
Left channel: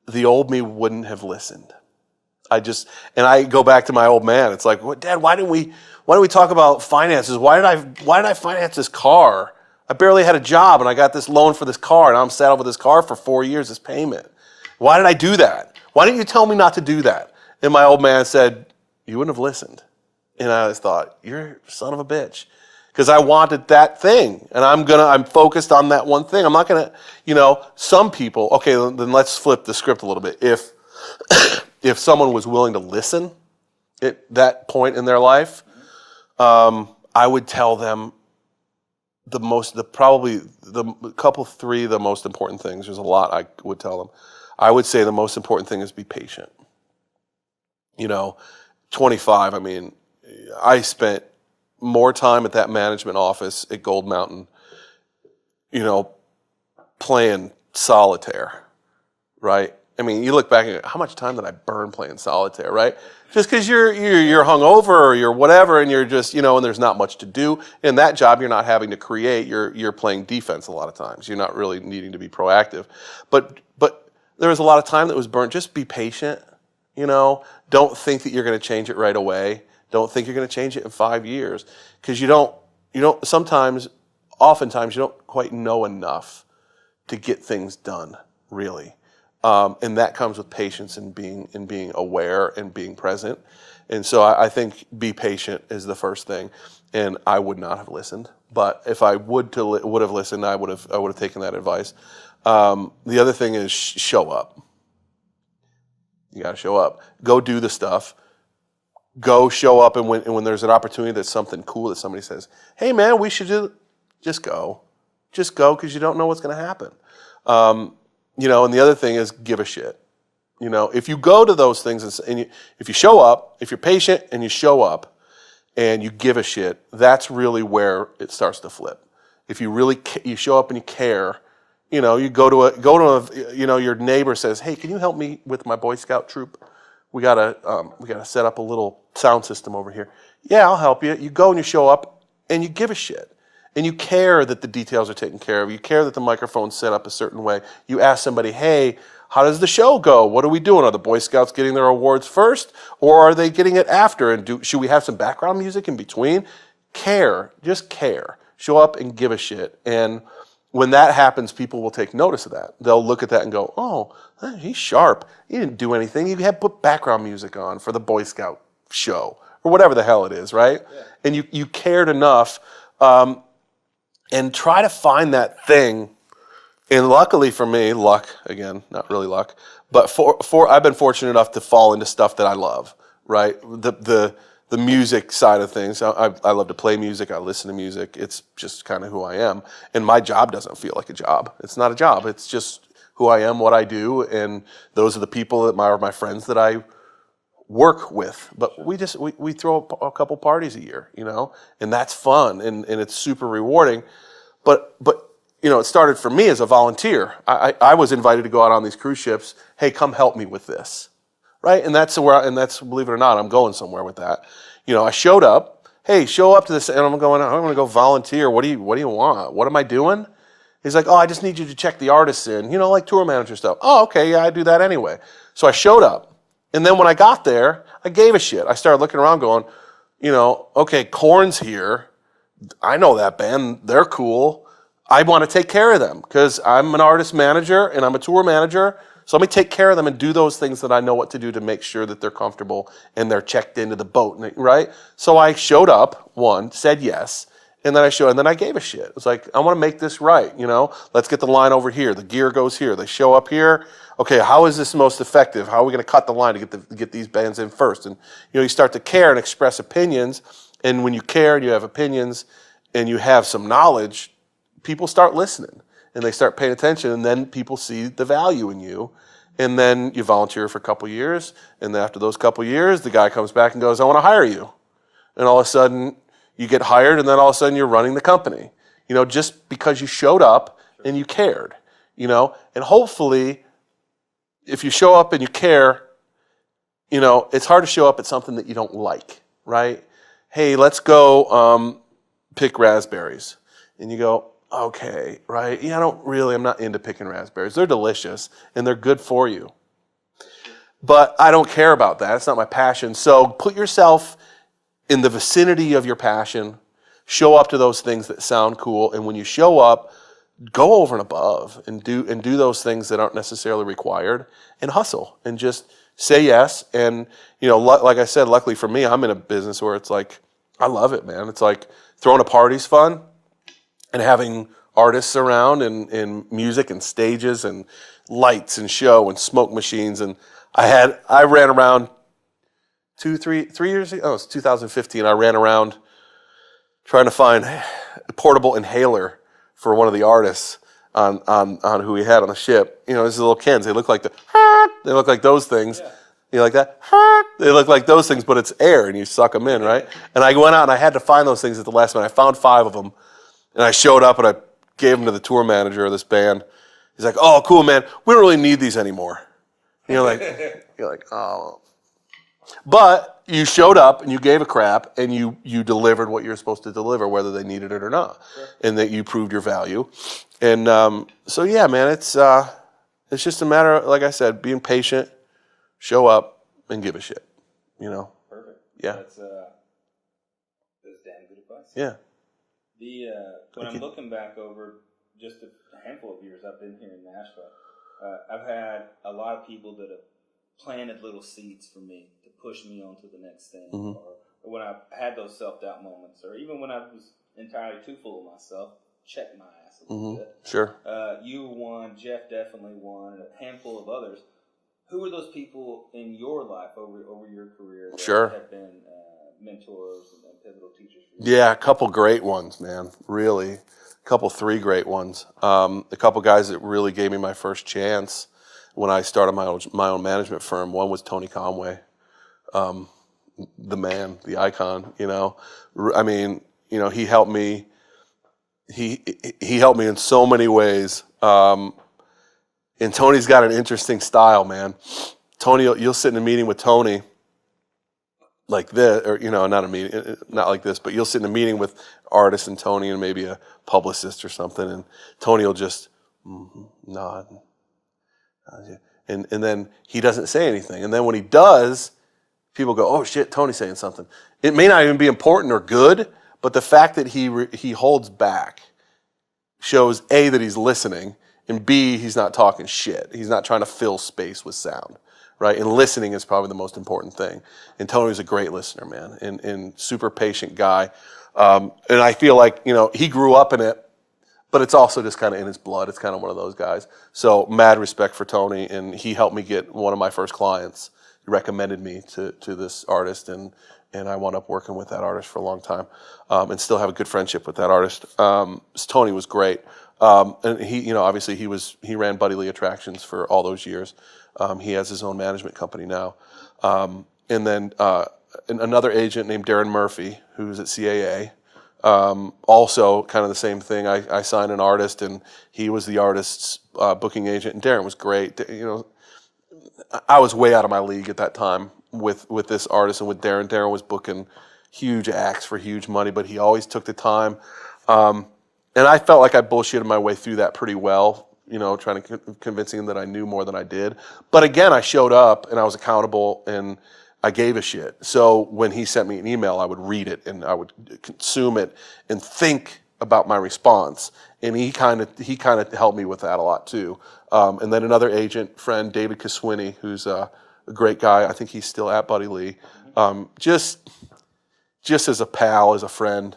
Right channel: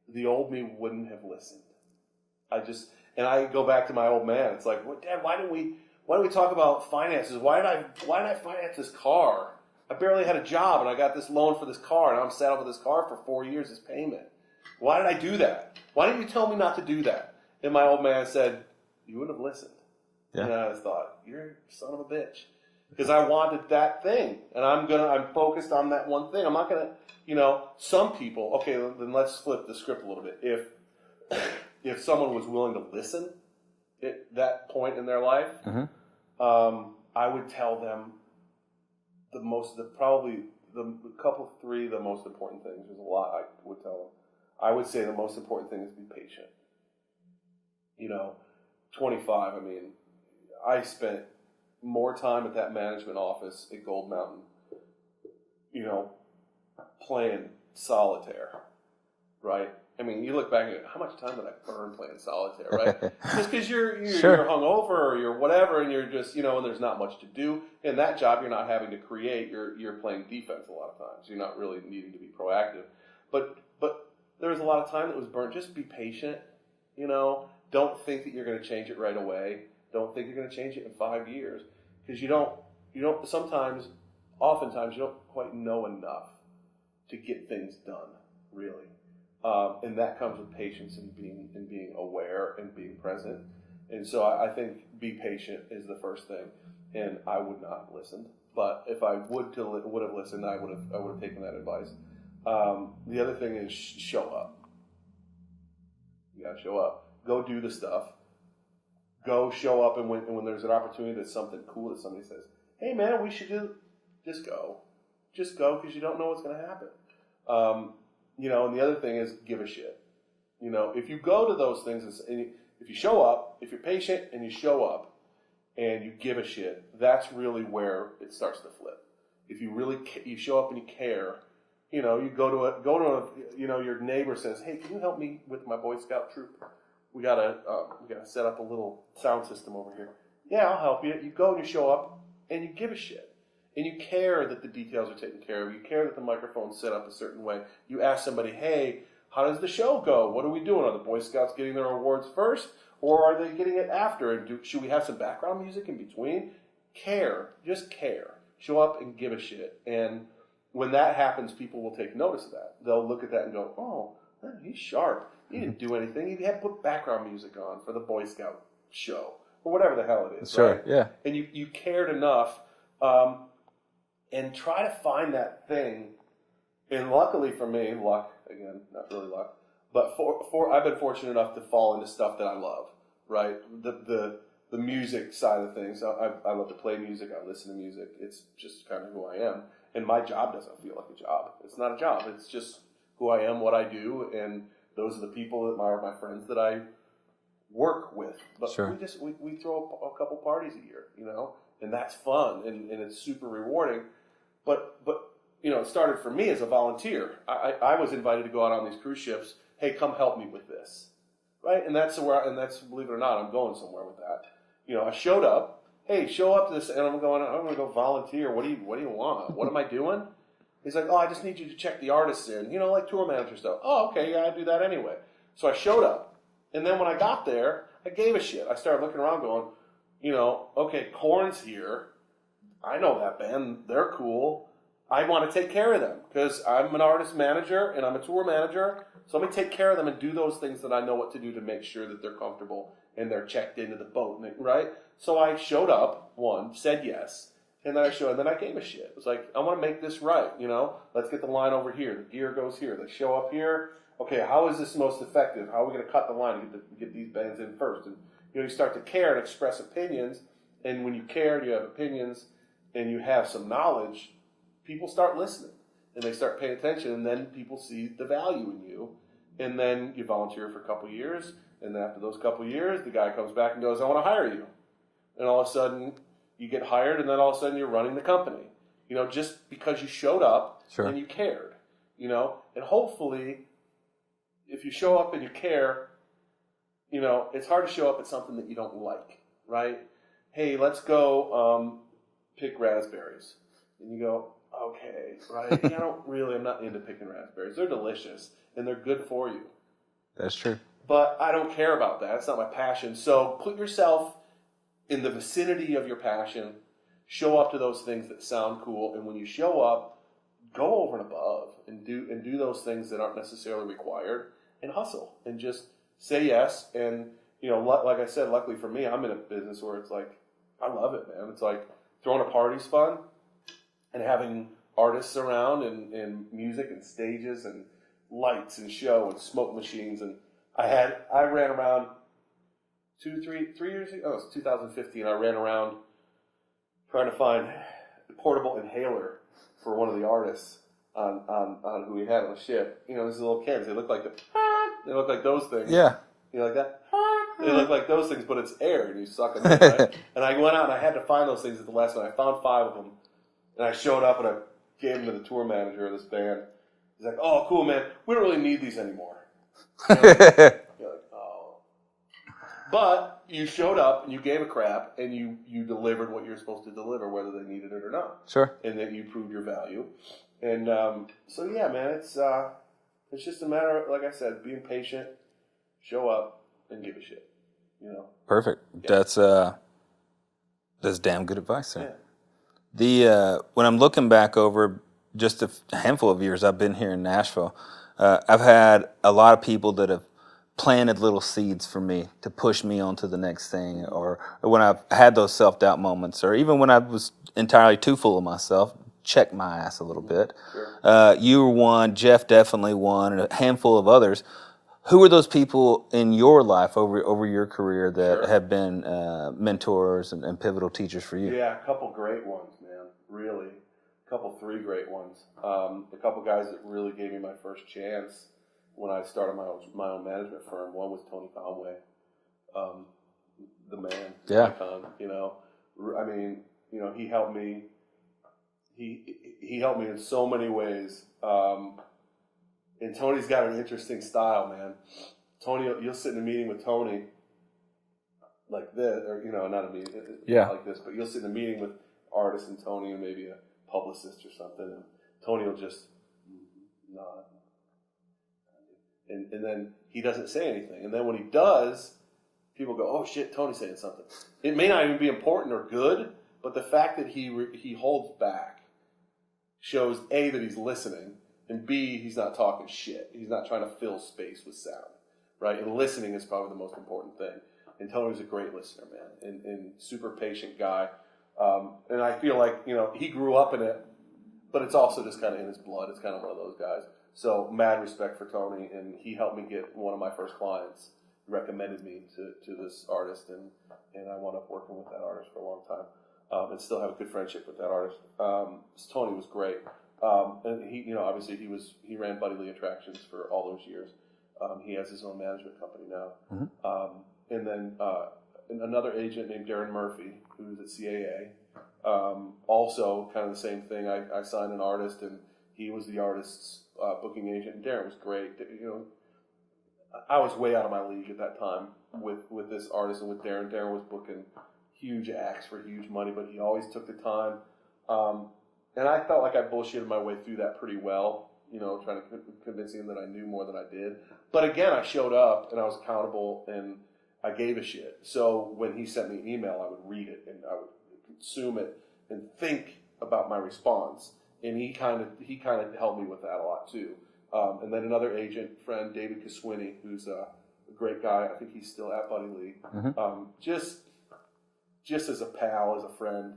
the old me wouldn't have listened. I go back to my old man. It's like, Dad, why didn't we talk about finances? Why did I finance this car? I barely had a job and I got this loan for this car and I'm saddled with this car for 4 years, this payment. Why did I do that? Why didn't you tell me not to do that? And my old man said, you wouldn't have listened. Yeah. And I just thought, you're a son of a bitch. Because I wanted that thing, and I'm focused on that one thing. I'm not gonna, some people. Okay, then let's flip the script a little bit. If someone was willing to listen at that point in their life, I would tell them the most important things. There's a lot I would tell them. I would say the most important thing is be patient. 25. I mean, I spent more time at that management office at Gold Mountain, playing solitaire, right? I mean, you look back at how much time did I burn playing solitaire, right? Just because you're hungover or you're whatever, and you're just, and there's not much to do. In that job, you're not having to create. You're playing defense a lot of times. You're not really needing to be proactive. But there was a lot of time that was burnt. Just be patient, Don't think that you're going to change it right away. Don't think you're going to change it in 5 years, because oftentimes you don't quite know enough to get things done, really. And that comes with patience and being aware and being present. And so I think be patient is the first thing. And I would not have listened, but if I would have listened, I would have taken that advice. The other thing is show up. You got to show up. Go do the stuff. Go show up, and when there's an opportunity that's something cool that somebody says, hey man, we should just go. Just go, because you don't know what's going to happen. And the other thing is give a shit. If you go to those things if you show up, if you're patient and you show up and you give a shit, that's really where it starts to flip. If you really you show up and you care, you go to your neighbor says, hey, can you help me with my Boy Scout troop? We gotta set up a little sound system over here. Yeah, I'll help you. You go and you show up and you give a shit. And you care that the details are taken care of. You care that the microphone's set up a certain way. You ask somebody, hey, how does the show go? What are we doing? Are the Boy Scouts getting their awards first, or are they getting it after? And should we have some background music in between? Care. Just care. Show up and give a shit. And when that happens, people will take notice of that. They'll look at that and go, oh, he's sharp. He didn't do anything. He had put background music on for the Boy Scout show, or whatever the hell it is, right? yeah. And you cared enough, and try to find that thing. And luckily for me, luck again, not really luck, but for I've been fortunate enough to fall into stuff that I love, right? The music side of things. I love to play music. I listen to music. It's just kind of who I am. And my job doesn't feel like a job. It's not a job. It's just who I am, what I do, and those are the people that are my friends that I work with. But we throw a couple parties a year, and that's fun and it's super rewarding. But it started for me as a volunteer. I was invited to go out on these cruise ships. Hey, come help me with this. Right, and that's believe it or not, I'm going somewhere with that. I showed up. Hey, show up to this, and I'm going to go volunteer. What do you want? What am I doing? He's like, oh, I just need you to check the artists in, like tour manager stuff. Oh, okay, yeah, I do that anyway. So I showed up, and then when I got there, I gave a shit. I started looking around, going, okay, Korn's here. I know that band. They're cool. I want to take care of them because I'm an artist manager and I'm a tour manager. So let me take care of them and do those things that I know what to do to make sure that they're comfortable and they're checked into the boat, right? So I showed up, said yes, and then I gave a shit. It was like, I want to make this right, Let's get the line over here. The gear goes here. They show up here. Okay, how is this most effective? How are we going to cut the line to get these bands in first? And you start to care and express opinions. And when you care and you have opinions and you have some knowledge, people start listening. And they start paying attention, and then people see the value in you. And then you volunteer for a couple years, and then after those couple years, the guy comes back and goes, I want to hire you. And all of a sudden, you get hired, and then all of a sudden, you're running the company. Just because you showed up and you cared. And hopefully, if you show up and you care, it's hard to show up at something that you don't like, right? Hey, let's go pick raspberries. And you go, okay, right? Yeah, I'm not into picking raspberries. They're delicious and they're good for you. That's true. But I don't care about that. It's not my passion. So put yourself in the vicinity of your passion. Show up to those things that sound cool. And when you show up, go over and above and do those things that aren't necessarily required and hustle and just say yes. And, like I said, luckily for me, I'm in a business where it's like, I love it, man. It's like throwing a party's fun. And having artists around and music and stages and lights and show and smoke machines. And I ran around 3 years ago. Oh, it was 2015. I ran around trying to find a portable inhaler for one of the artists on who we had on the ship. These little cans. They look like those things. Yeah. You like that? They look like those things, but it's air and you suck them in, right? And I went out and I had to find those things at the last minute. I found 5 of them. And I showed up and I gave them to the tour manager of this band. He's like, oh, cool, man. We don't really need these anymore. You're like, oh. But you showed up and you gave a crap and you delivered what you're supposed to deliver, whether they needed it or not. Sure. And that you proved your value. And so, yeah, man, it's just a matter of, like I said, being patient, show up, and give a shit. Perfect. Yeah. That's damn good advice, sir. Yeah. When I'm looking back over just a handful of years I've been here in Nashville, I've had a lot of people that have planted little seeds for me to push me on to the next thing, Mm-hmm. or when I've had those self-doubt moments, or even when I was entirely too full of myself, check my ass a little bit. Sure. You were one, Jeff definitely one, and a handful of others. Who are those people in your life over your career that have been mentors and pivotal teachers for you? Yeah, a couple great ones, man. Really. A couple, 3 great ones. A couple guys that really gave me my first chance when I started my own management firm. One was Tony Conway, the man, the icon, I mean, he helped me. He helped me in so many ways. And Tony's got an interesting style, man. Tony, you'll sit in a meeting with Tony like this, or, not a meeting, not like this, but you'll sit in a meeting with artists and Tony and maybe a publicist or something, and Tony will just nod. And then he doesn't say anything. And then when he does, people go, oh, shit, Tony's saying something. It may not even be important or good, but the fact that he holds back shows, A, that he's listening, and B, he's not talking shit. He's not trying to fill space with sound, right? And listening is probably the most important thing. And Tony was a great listener, man, and super patient guy. And I feel like, he grew up in it, but it's also just kind of in his blood. It's kind of one of those guys. So mad respect for Tony, and he helped me get one of my first clients. He recommended me to this artist, and I wound up working with that artist for a long time, and still have a good friendship with that artist. Tony was great, and he, obviously he ran Buddy Lee Attractions for all those years. He has his own management company now, and then another agent named Darren Murphy, who's at CAA. Also, kind of the same thing. I signed an artist, and he was the artist's booking agent. And Darren was great. I was way out of my league at that time with this artist and with Darren. Darren was booking huge acts for huge money, but he always took the time. And I felt like I bullshitted my way through that pretty well. Trying to convincing him that I knew more than I did. But again, I showed up and I was accountable and I gave a shit. So when he sent me an email, I would read it and I would consume it and think about my response. And he kind of helped me with that a lot too. And then another agent friend, David Kaswini, who's a great guy. I think he's still at Buddy Lee. Just as a pal, as a friend,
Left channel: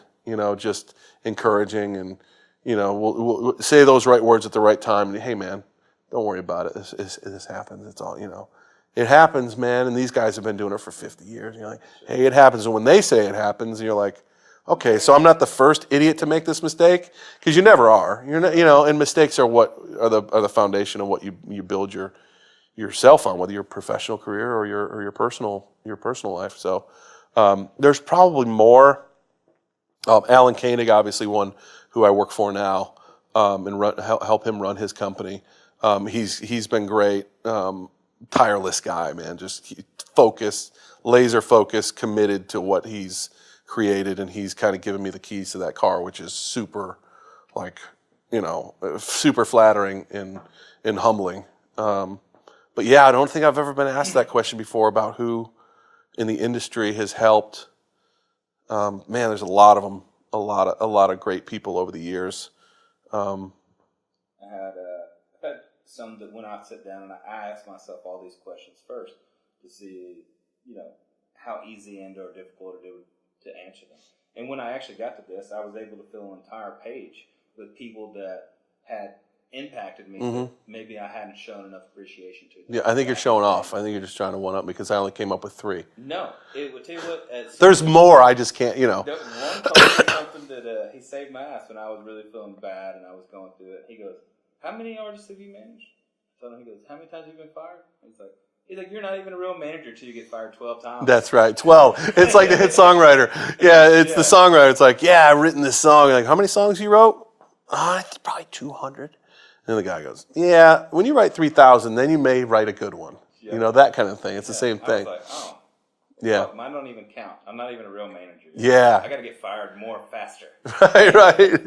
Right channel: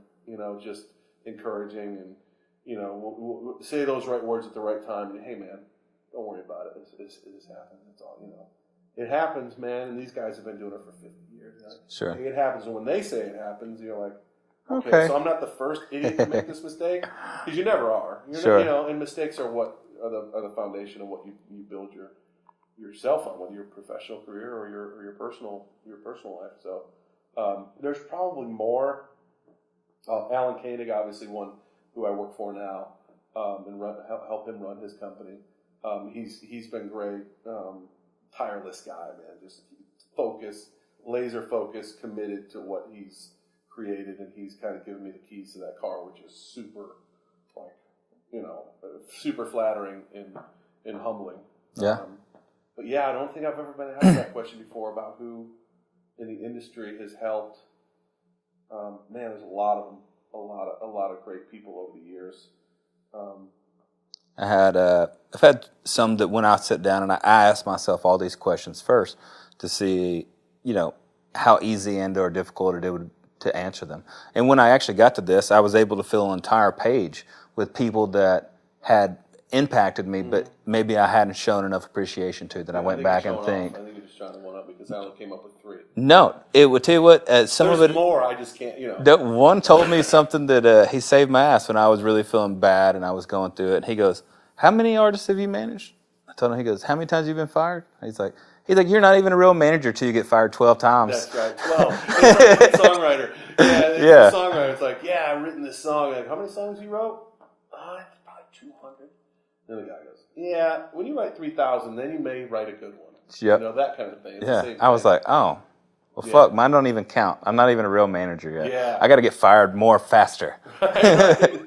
just encouraging and we'll say those right words at the right time. And, hey man, don't worry about it. This happens. It's all It happens, man, and these guys have been doing it for 50 years. And you're like, Sure. Hey, it happens. And when they say it happens, you're like, okay, so I'm not the first idiot to make this mistake, because you never are. You're not, and mistakes are what are the foundation of what you build yourself on, whether your professional career or your personal life. So there's probably more. Alan Koenig, obviously one who I work for now, and help him run his company. He's been great. Tireless guy, man, just laser focused, committed to what he's created, and he's kind of given me the keys to that car, which is super, super flattering and humbling. Yeah. But yeah, I don't think I've ever been asked that question before about who in the industry has helped. Man, there's a lot of them, a lot of great people over the years. I've had some that when I sit down and I ask myself all these questions first to see, how easy and or difficult it would to answer them. And when I actually got to this, I was able to fill an entire page with people that had impacted me, but maybe I hadn't shown enough appreciation to. I think you're showing off. I think you're just trying to one up because I only came up with 3. No, it would tell you what. There's more. I just can't. That one told me something that he saved my ass when I was really feeling bad and I was going through it. He goes, "How many artists have you managed?" I told him. He goes, "How many times have you been fired?" He's like, "You're not even a real manager till you get fired 12 times." That's right, 12. It's like a hit songwriter. Yeah, it's the songwriter. It's like, yeah, I've written this song. Like, how many songs you wrote? Probably 200. And the guy goes, yeah, when you write 3,000, then you may write a good one. Yep. That kind of thing. It's the same thing. I was like, oh, well, fuck, mine don't even count. I'm not even a real manager yet. Yeah. I got to get fired more faster. right.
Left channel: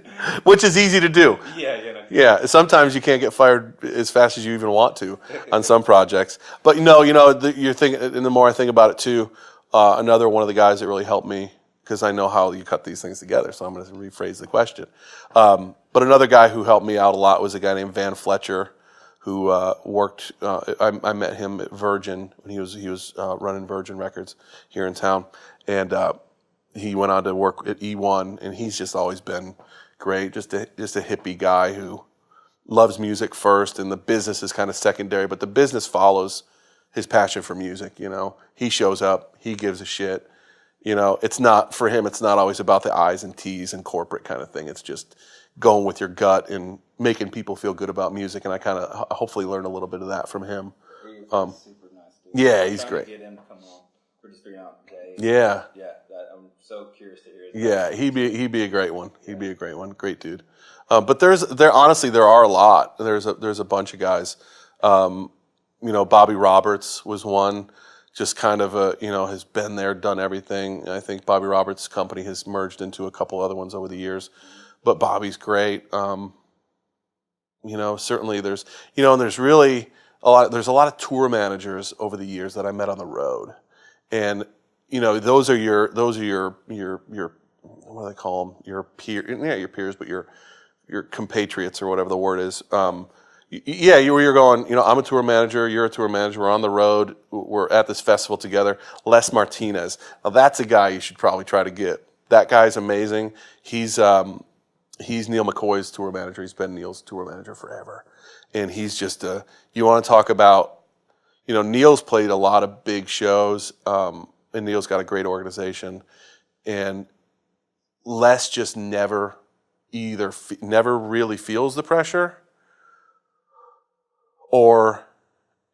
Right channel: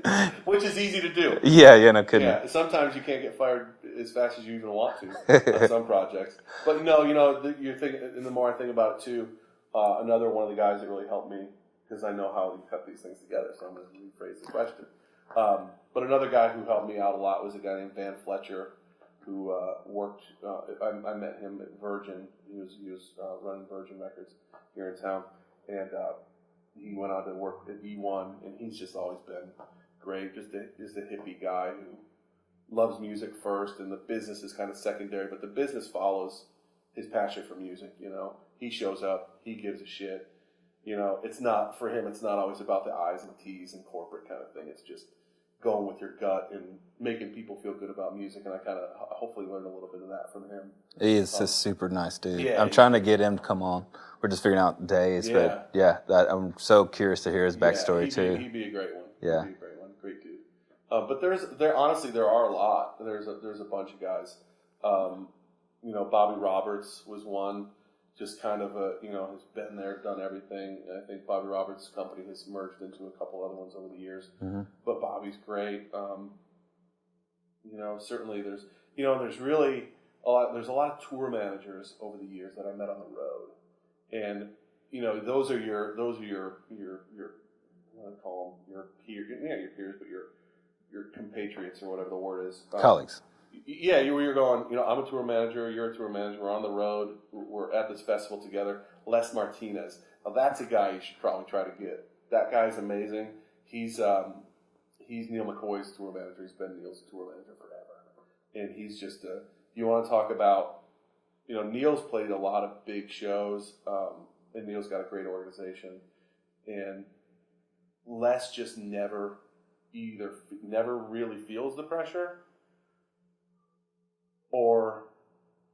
Which is easy to do. No kidding. Yeah, sometimes you can't get fired as fast as you even want to on some projects. But you're thinking, and the more I think about it too, another one of the guys that really helped me, because I know how you cut these things together, so I'm going to rephrase the question. But another guy who helped me out a lot was a guy named Van Fletcher, who worked. I met him at Virgin when he was running Virgin Records here in town, and he went on to work at E1, and he's just always been great. Just a hippie guy who loves music first, and the business is kind of secondary, but the business follows his passion for music. He shows up, he gives a shit. It's not, for him, it's not always about the I's and T's and corporate kind of thing. It's just going with your gut and making people feel good about music. And I kind of hopefully learned a little bit of that from him. He is a super nice dude. Yeah, I'm trying to get him to come on. We're just figuring out days. Yeah. I'm so curious to hear his backstory. Yeah, he'd be a great one. Yeah. He'd be a great one. Great dude. But there honestly, there are a lot. There's a bunch of guys. Bobby Roberts was one. Just kind of has been there, done everything. I think Bobby Roberts' company has merged into a couple other ones over the years. But Bobby's great. Certainly there's, and there's really there's a lot of tour managers over the years that I met on the road. And, those are your what do they call them? Your peers, but your compatriots or whatever the word is. Colleagues. Yeah, you're going, I'm a tour manager, you're a tour manager, we're on the road, we're at this festival together. Les Martinez. Now that's a guy you should probably try to get. That guy's amazing. He's Neil McCoy's tour manager. He's been Neil's tour manager forever. And he's just you want to talk about, Neil's played a lot of big shows, and Neil's got a great organization. And Les just never really feels the pressure, or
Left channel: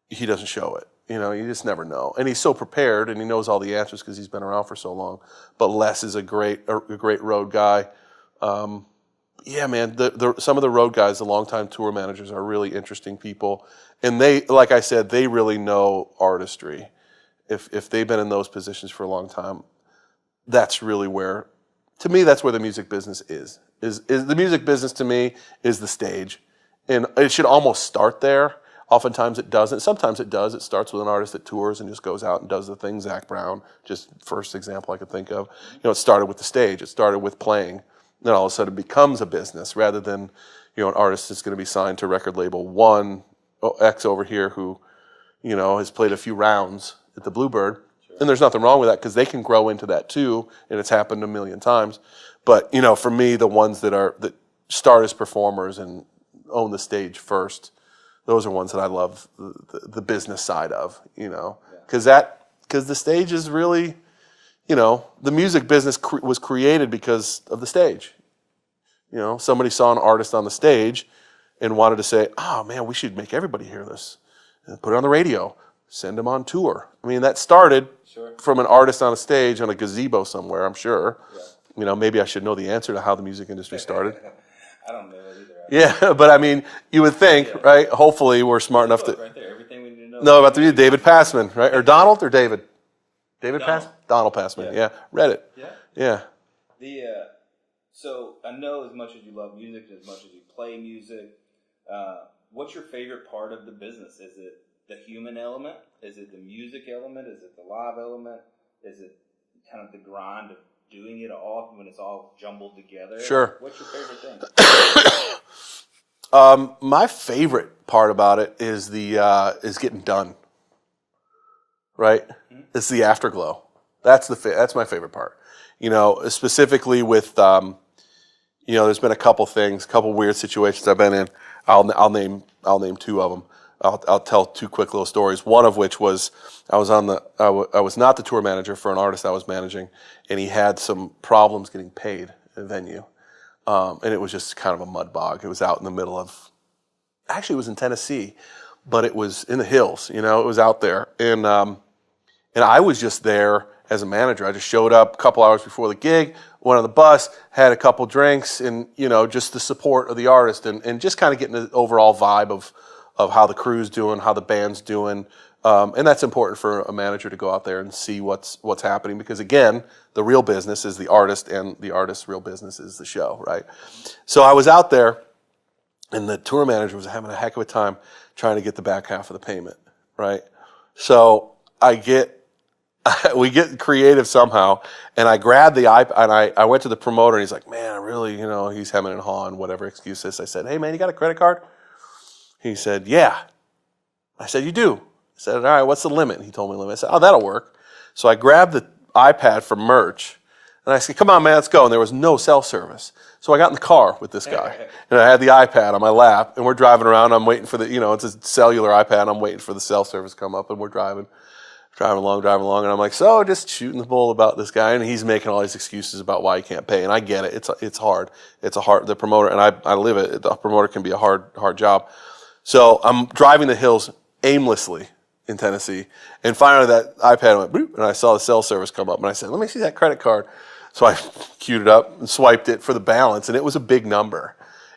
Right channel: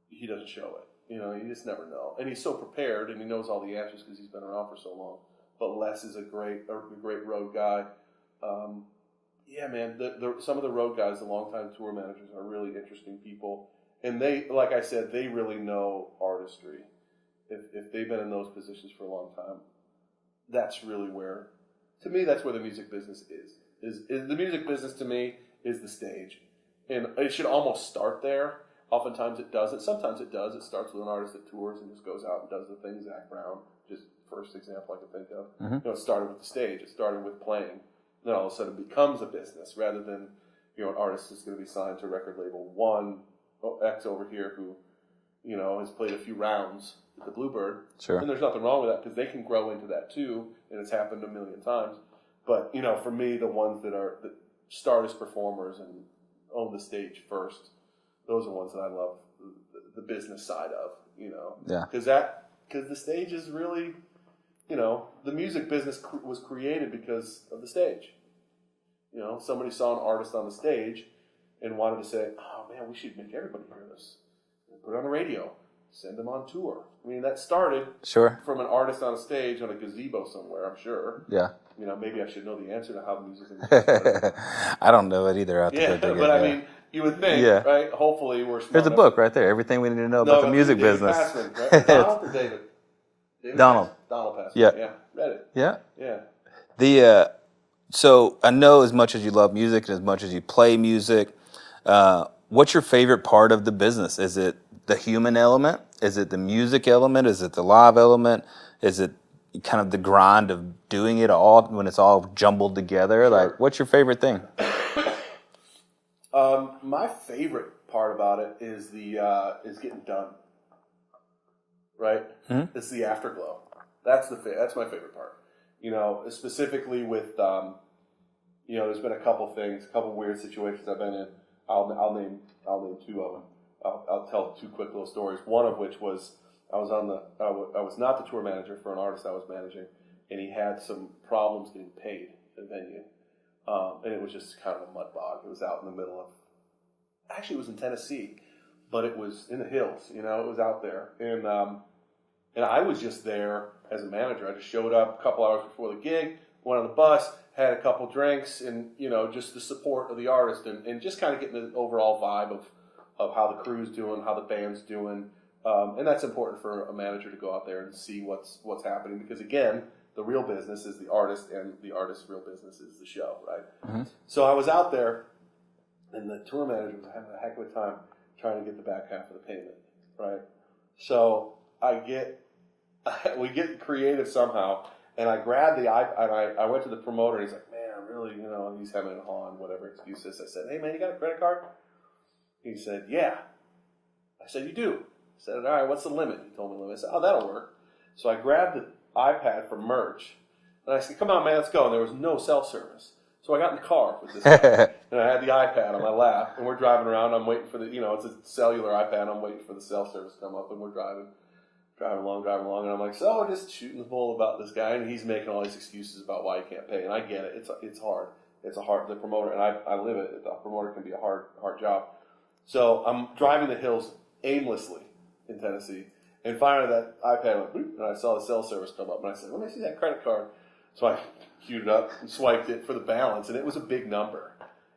he doesn't show it. You just never know. And he's so prepared, and he knows all the answers because he's been around for so long. But Les is a great road guy. Yeah, man, some of the road guys, the longtime tour managers, are really interesting people. And they, like I said, they really know artistry. If they've been in those positions for a long time, that's really where, to me, that's where the music business is the music business to me is the stage. And it should almost start there. Oftentimes it doesn't. Sometimes it does. It starts with an artist that tours and just goes out and does the thing. Zach Brown, just first example I could think of. It started with the stage. It started with playing. Then all of a sudden it becomes a business rather than, an artist that's going to be signed to record label one, X over here who, has played a few rounds at the Bluebird. Sure. And there's nothing wrong with that because they can grow into that too, and it's happened a million times. But, for me, the ones that start as performers and own the stage first, those are ones that I love the business side of, Yeah. Because the stage is really, the music business was created because of the stage. Somebody saw an artist on the stage and wanted to say, oh man, we should make everybody hear this and put it on the radio, send them on tour. I mean, that started from an artist on a stage on a gazebo somewhere, I'm sure. Yeah. Maybe I should know the answer to how the music industry started. I don't know it either. Yeah, but I mean, you would think, right? Hopefully we're smart There's a enough book right there. Everything we need to know about the music David business. Passman, right? Or Donald or David? Donald. Donald Passman. Yeah. Read it. Yeah. Yeah. So I know as much as you love music and as much as you play music, what's your favorite part of the business? Is it the human element? Is it the music element? Is it the live element? Is it kind of the grind of doing it all when it's all jumbled together? Sure. Like, what's your favorite thing? My favorite part about it is is getting done. Right? It's the afterglow. That's my favorite part. Specifically with there's been a couple weird situations I've been in. I'll name two of them. I'll tell two quick little stories. One of which was I was not the tour manager for an artist I was managing, and he had some problems getting paid at a venue, and it was just kind of a mud bog. It was out in the middle of, actually it was in Tennessee, but it was in the hills. It was out there, and I was just there as a manager. I just showed up a couple hours before the gig, went on the bus, had a couple drinks, and just the support of the artist, and just kind of getting the overall vibe of how the crew's doing, how the band's doing. And that's important for a manager to go out there and see what's happening, because again, the real business is the artist, and the artist's real business is the show, right? So I was out there, and the tour manager was having a heck of a time trying to get the back half of the payment, right? So we get creative somehow, and I grabbed the iPad, and I went to the promoter, and he's like, man, I really, he's hemming and hawing, whatever excuse is. I said, hey man, you got a credit card? He said, yeah. I said, you do? I said, all right, what's the limit? He told me the limit. I said, oh, that'll work. So I grabbed the iPad from merch, and I said, come on, man, let's go. And there was no cell service. So I got in the car with this guy, and I had the iPad on my lap, and we're driving around. I'm waiting for it's a cellular iPad. I'm waiting for the cell service to come up, and we're driving along, and I'm like, so just shooting the bull about this guy, and he's making all these excuses about why he can't pay, and I get it. It's hard. The promoter, and I live it. The promoter can be a hard job. So I'm driving the hills aimlessly in Tennessee, and finally that iPad went boop, and I saw the cell service come up, and I said, let me see that credit card. So I queued it up and swiped it for the balance, and it was a big number.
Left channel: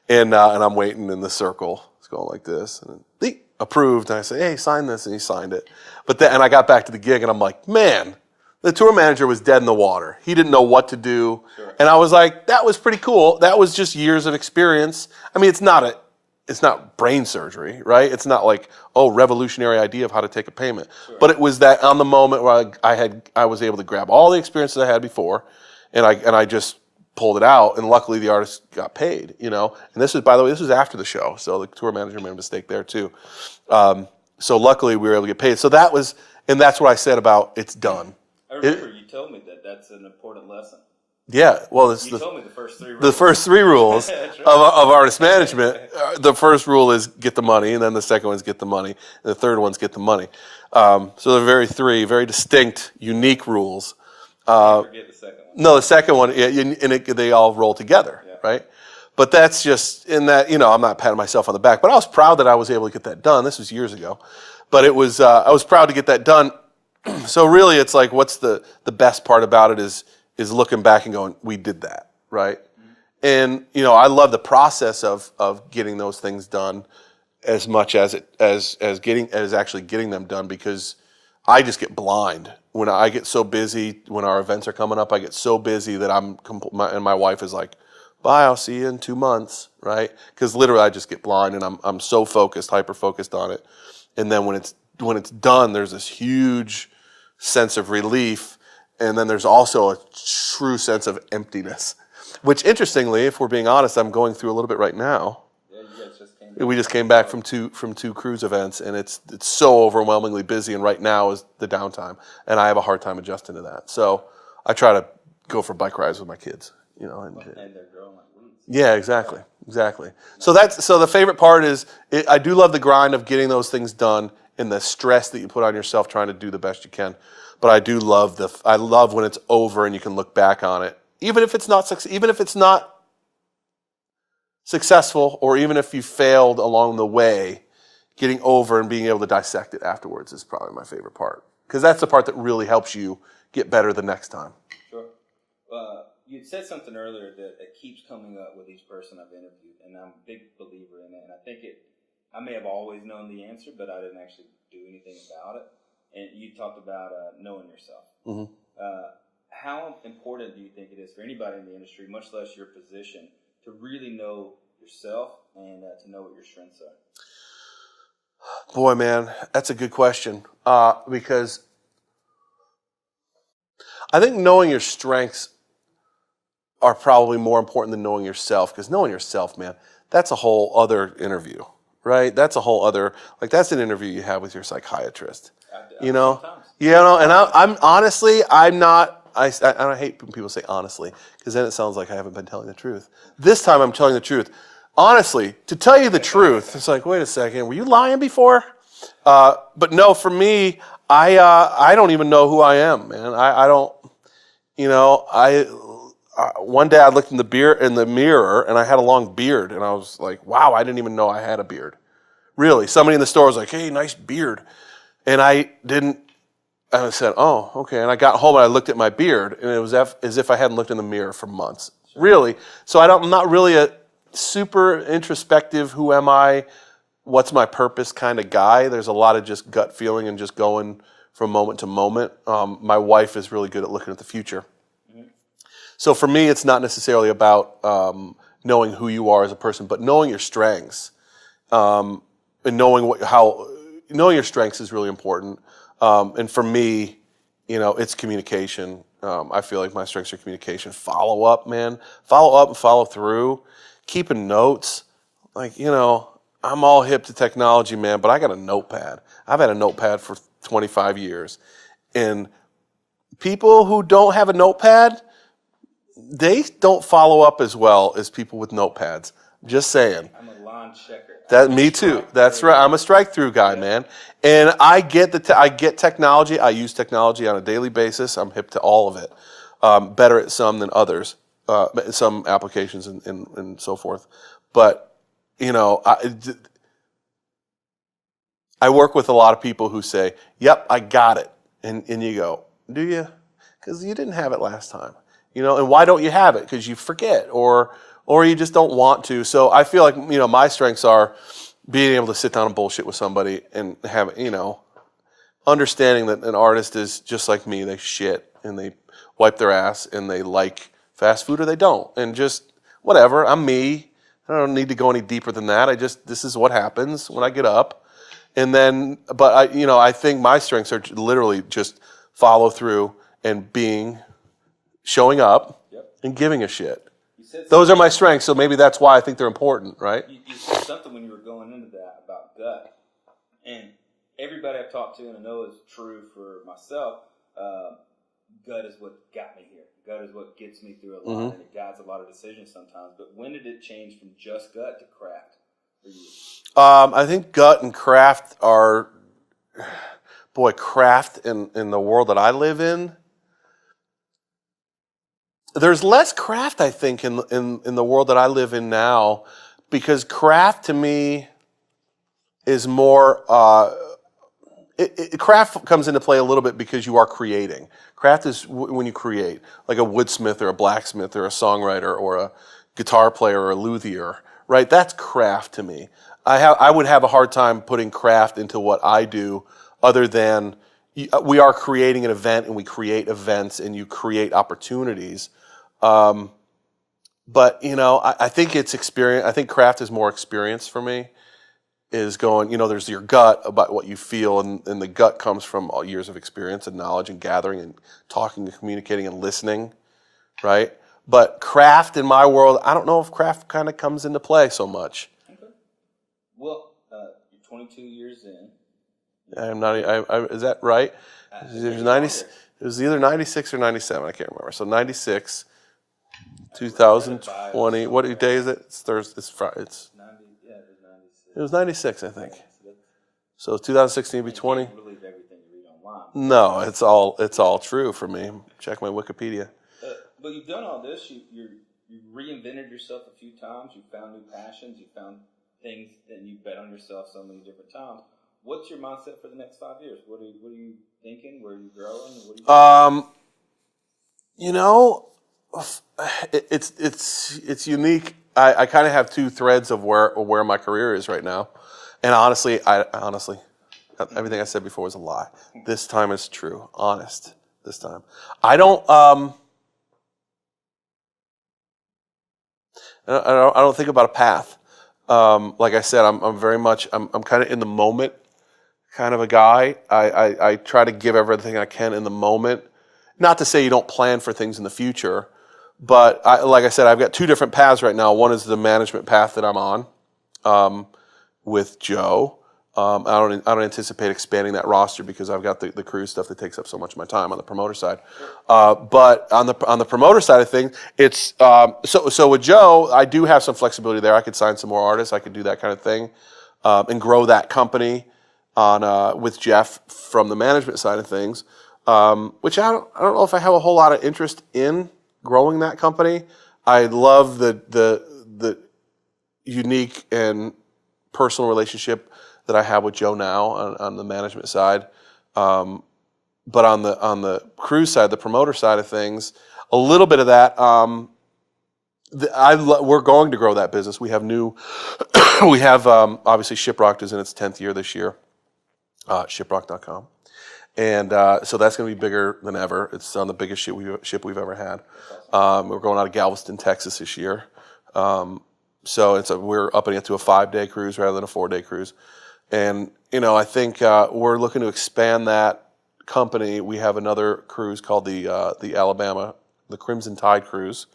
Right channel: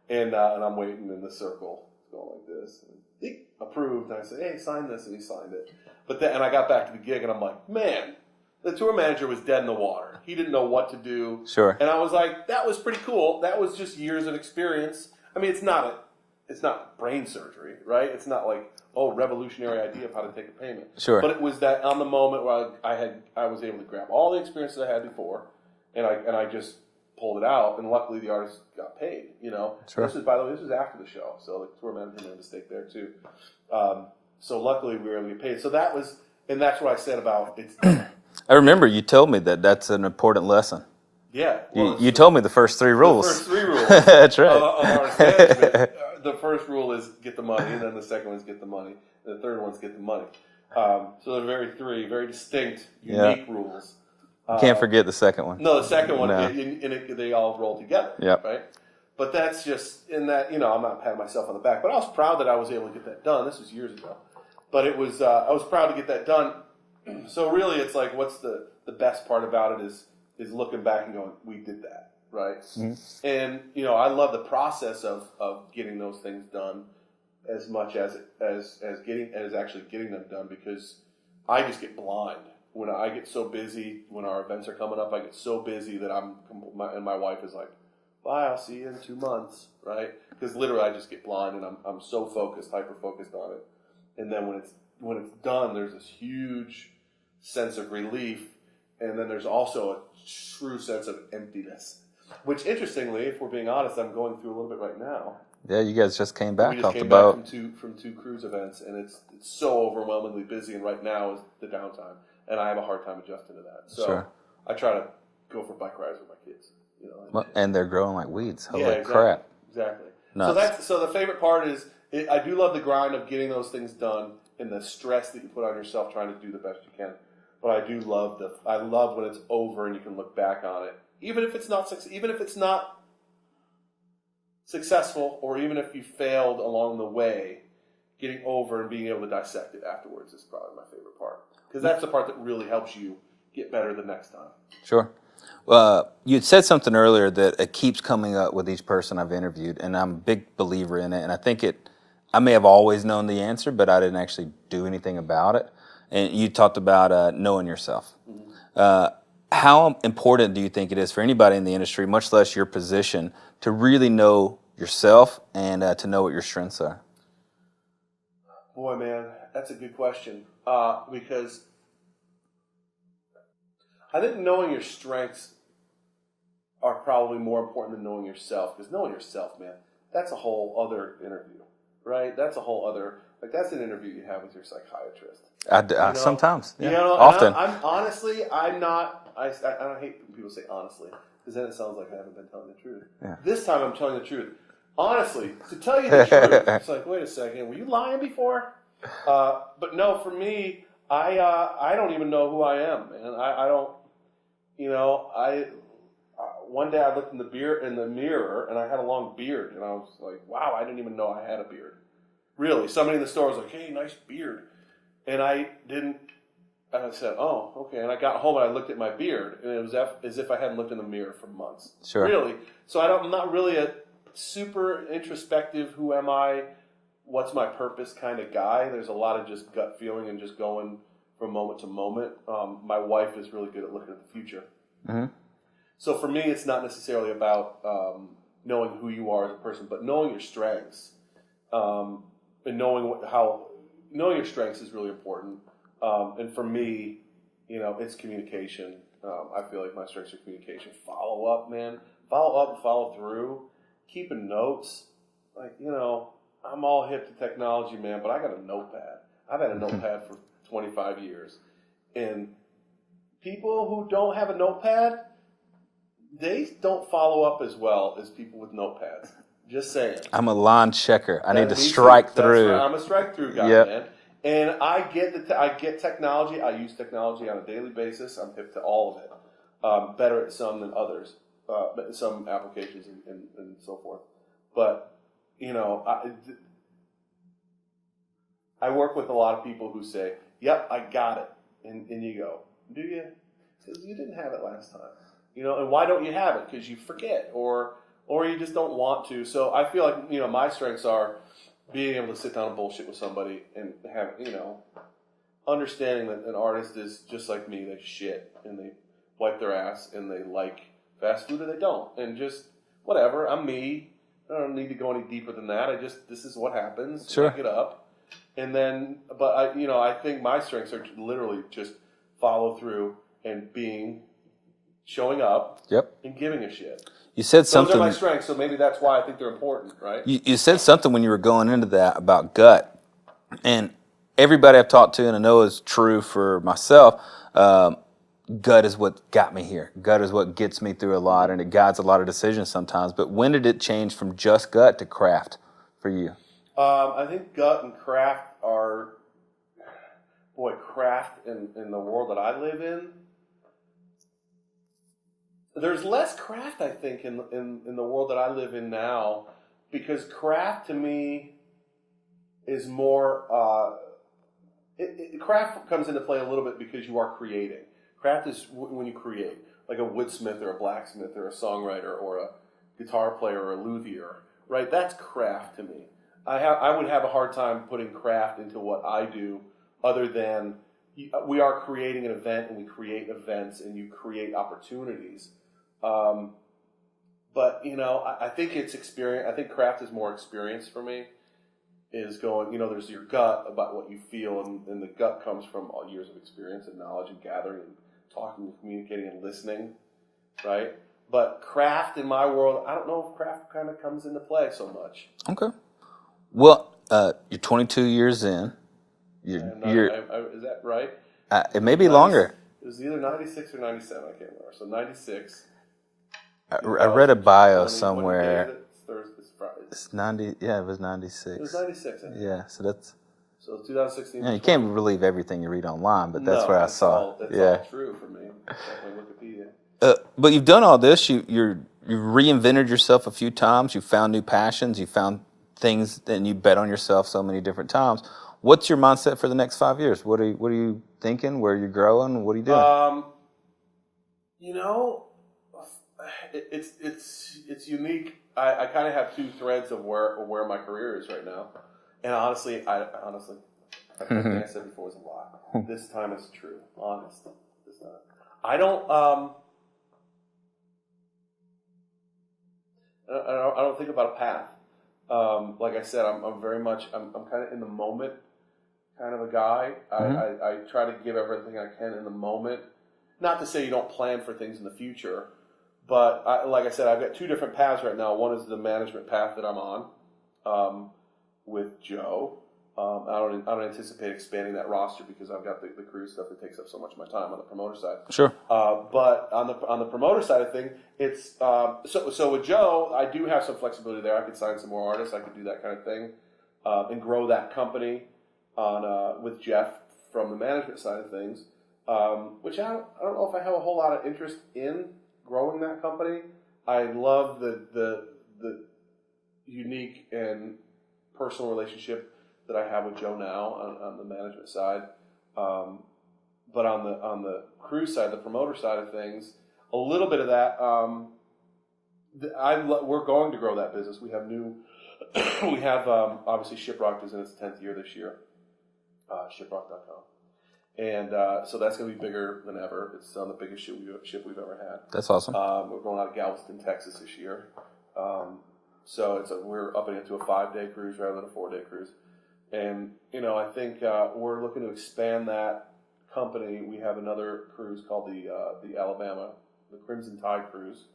And I'm waiting in the circle. It's going like this, and then, approved, and I said, hey, sign this, and he signed it. And I got back to the gig, and I'm like, man, the tour manager was dead in the water. He didn't know what to do. Sure. And I was like, that was pretty cool. That was just years of experience. I mean, it's not brain surgery, right? It's not like, revolutionary idea of how to take a payment. Sure. But it was that on the moment where I was able to grab all the experiences I had before, and I just pulled it out, and luckily the artist got paid, you know. Sure. And this was, by the way, this was after the show, so the tour manager made a mistake there too. So luckily we were able to get paid. So that was, and that's what I said about it's done. I remember you told me that that's an important lesson. Yeah, well, you told me the first 3 rules. The first 3 rules That's right. of artist management. The first rule is get the money, and then the second one is get the money, and the third one's get the money. So they're 3 very distinct, unique rules. Can't forget the second one. No, the second one, they all roll together, right? But that's just in that, you know, I'm not patting myself on the back, but I was proud that I was able to get that done. This was years ago, but it was I was proud to get that done. So really, it's like, what's the best part about it is looking back and going, we did that, right? Mm-hmm. And you know, I love the process of getting those things done as much as actually getting them done, because I just get blind when I get so busy. When our events are coming up, I get so busy that and my wife is like, "Bye, I'll see you in 2 months," right? Because literally, I just get blind, and I'm so focused, hyper focused on it. And then when it's done, there's this huge sense of relief, and then there's also a true sense of emptiness, which, interestingly, if we're being honest, I'm going through a little bit right now. Yeah, you guys just came back. We just came back from two cruise events, and it's so overwhelmingly busy. And right now is the downtime, and I have a hard time adjusting to that. So Sure. I try to go for bike rides with my kids, you know. And they're growing like weeds. Yeah, exactly. Nuts. So the favorite part is I do love the grind of getting those things done and the stress that you put on yourself trying to do the best you can. But I do love I love when it's over and you can look back on it, even if it's not successful, or even if you failed along the way, getting over and being able to dissect it afterwards is probably my favorite part, because that's the part that really helps you get better the next time. Sure. You had said something earlier that it keeps coming up with each person I've interviewed, and I'm a big believer in it. And I think I may have always known the answer, but I didn't actually do anything about it. And you talked about knowing yourself. Mm-hmm. How important do you think it is for anybody in the industry, much less your position, to really know yourself and to know what your strengths are? Boy, man, that's a good question, because I think knowing your strengths are probably more important than knowing yourself, because knowing yourself, man, that's a whole other interview, right? That's a whole other, like, that's an interview you have with your psychiatrist. You know? Sometimes. You know, and Often. I'm honestly, I'm not, I hate when people say honestly, because then it sounds like I haven't been telling the truth. Yeah. This time I'm telling the truth. Honestly, to tell you the truth, it's like, wait a second, were you lying before? But no, for me, I don't even know who I am, man. I don't, you know, one day I looked in the mirror and I had a long beard, and I was like, wow, I didn't even know I had a beard. Really, somebody in the store was like, hey, nice beard. And I said, oh, okay. And I got home and I looked at my beard, and it was as if I hadn't looked in the mirror for months. Sure. Really. So I'm not really a super introspective, who am I, what's my purpose kind of guy. There's a lot of just gut feeling and just going from moment to moment. My wife is really good at looking at the future. Mm-hmm. So for me, it's not necessarily about knowing who you are as a person, but knowing your strengths, and knowing your strengths is really important. And for me, you know, it's communication. I feel like my strengths are communication. Follow up, man. Follow up and follow through. Keeping notes. Like, you know, I'm all hip to technology, man, but I got a notepad. I've had a notepad for 25 years. And people who don't have a notepad, they don't follow up as well as people with notepads. Just saying. I'm a line checker. Me too. That's right. I'm a strike through guy, man. And I get technology. I use technology on a daily basis. I'm hip to all of it. Better at some than others. Some applications and so forth. But, you know, I work with a lot of people who say, yep, I got it. And you go, do you? Because you didn't have it last time. You know, and why don't you have it? Because you forget, or you just don't want to. So I feel like, you know, my strengths are being able to sit down and bullshit with somebody and have, you know, understanding that an artist is just like me. They shit and they wipe their ass and they like fast food or they don't. And just whatever, I'm me. I don't need to go any deeper than that. This is what happens when I get up. And then, but I think my strengths are literally just follow through and being showing up, Yep. and giving a shit. You said something. Those are my strengths, so maybe that's why I think they're important, right? You said something when you were going into that about gut, and everybody I've talked to, and I know is true for myself. Gut is what got me here. Gut is what gets me through a lot, and it guides a lot of decisions sometimes. But when did it change from just gut to craft for you? I think gut and craft are, craft in the world that I live in. There's less craft, I think, in the world that I live in now, because craft to me is more. Craft comes into play a little bit because you are creating. Craft is when you create, like a woodsmith or a blacksmith or a songwriter or a guitar player or a luthier, right? That's craft to me. I would have a hard time putting craft into what I do, other than we are creating an event and we create events and you create opportunities. But I think it's experience. I think craft is more experience for me. Is going, there's your gut about what you feel, and the gut comes from all years of experience and knowledge and gathering and talking and communicating and listening, right? But craft in my world, I don't know if craft kind of comes into play so much. Okay. Well, you're 22 years in. Is that right? It may be longer. It was either 96 or 97, I can't remember. So 96. I read a bio somewhere. What day is it? It's Thursday. It's 90. Yeah, it was 96. It was 96, I think. Yeah, so that's. So 2016 to You 20. can't believe everything you read online, but that's No, what I it's saw. all true for me. Check my Wikipedia. But you've done all this. You reinvented yourself a few times. You found new passions. You found things, and you bet on yourself so many different times. What's your mindset for the next 5 years? What are you thinking? Where are you growing? What are you doing? It's unique. I kind of have two threads of where my career is right now, and honestly, everything I said before was a lie. This time is true. Honest. This time, I don't think about a path. Like I said, I'm very much I'm kind of in the moment, kind of a guy. I try to give everything I can in the moment. Not to say you don't plan for things in the future. But like I said, I've got two different paths right now. One is the management path that I'm on with Joe. I don't anticipate expanding that roster because I've got the cruise stuff that takes up so much of my time on the promoter side. Sure. But on the promoter side of things, it's so with Joe, I do have some flexibility there. I could sign some more artists. I could do that kind of thing and grow that company on with Jeff from the management side of things, which I don't know if I have a whole lot of interest in growing that company. I love the unique and personal relationship that I have with Joe now on the management side. But on the cruise side, the promoter side of things, a little bit of that. We're going to grow that business. We have obviously Shiprocked is in its 10th year this year. Shiprock.com. And so that's going to be bigger than ever. It's on the biggest ship we've ever had. That's awesome. We're going out of Galveston, Texas this year. So we're upping it to a 5-day cruise rather than a 4-day cruise. And, I think we're looking to expand that company. We have another cruise called the Crimson Tide Cruise,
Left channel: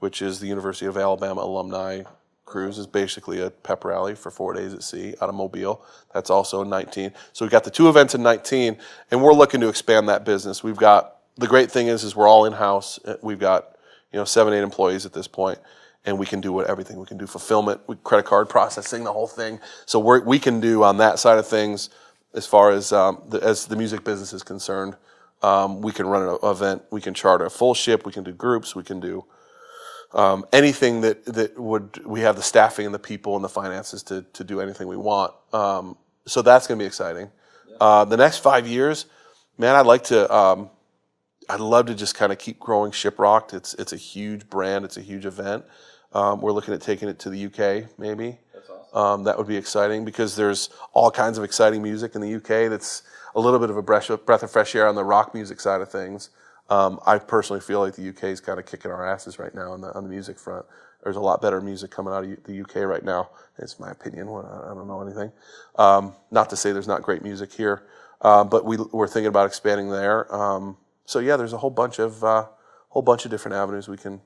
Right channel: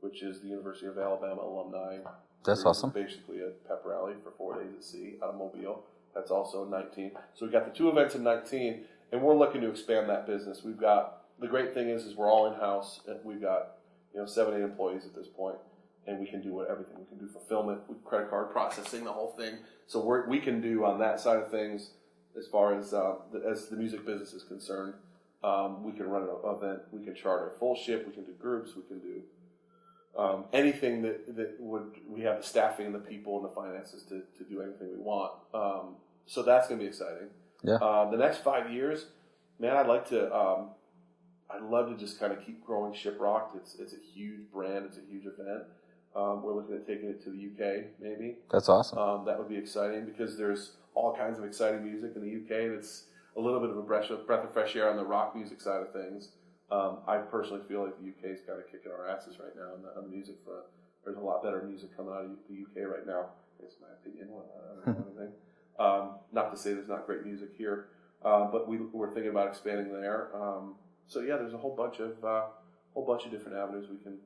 which is the University of Alabama alumni. That's cruise awesome. is basically a pep rally for 4 days at sea out of Mobile. That's also in 19. So we've got the two events in 19, and we're looking to expand that business. We've got, the great thing is we're all in-house. We've got 7-8 employees at this point, and we can do everything. We can do fulfillment, credit card processing, the whole thing. So we can do on that side of things, as far as the music business is concerned. We can run an event. We can charter a full ship. We can do groups. We can do anything we have the staffing and the people and the finances to do anything we want. So that's going to be exciting. Yeah. The next 5 years, man, I'd love to just kind of keep growing Shiprocked. It's a huge brand. It's a huge event. We're looking at taking it to the UK, maybe. That's awesome. That would be exciting because there's all kinds of exciting music in the UK that's a little bit of a breath of fresh air on the rock music side of things. I personally feel like the UK is kind of kicking our asses right now on the music front. There's a lot better music coming out of the UK right now. It's my opinion. I don't know anything. Not to say there's not great music here, but we're thinking about expanding there. So yeah, there's a whole bunch of whole bunch of different avenues we can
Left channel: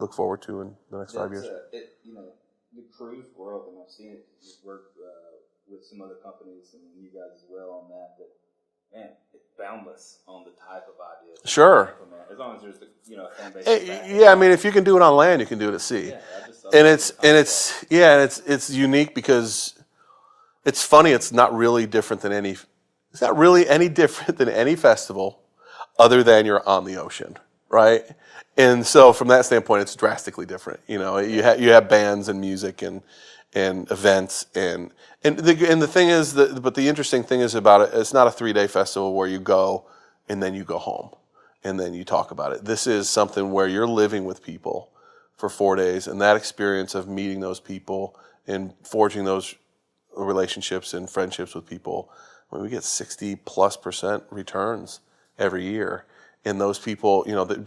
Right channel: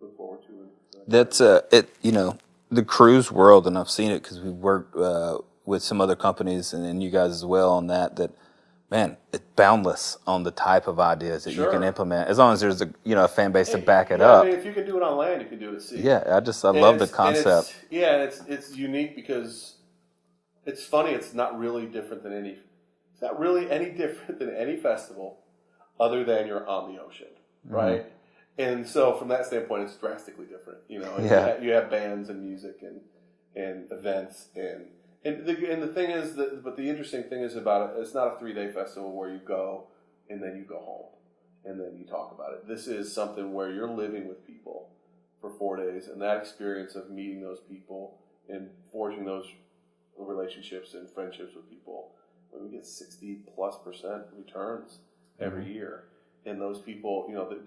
look forward to in the next 5 That's years. the cruise world, and I've seen it because we've worked with some other companies and you guys as well on that. Man, it's boundless on the type of ideas that you Sure. can implement, as long as there's a fan base to back it Yeah, up. I mean, if you can do it on land, you can do it at sea. Yeah, I love the concept. It's unique because it's funny. It's not really different than any. It's not really any different than any festival, other than you're on the ocean, right? Mm-hmm. And so, from that standpoint, it's drastically different. You have bands and music and events and the thing is but the interesting thing is about it. It's not a 3-day festival where you go and then you go home and then you talk about it. This is something where you're living with people for 4 days, and that experience of meeting those people and forging those relationships and friendships with people. I mean, we get 60+% returns every year. And those people,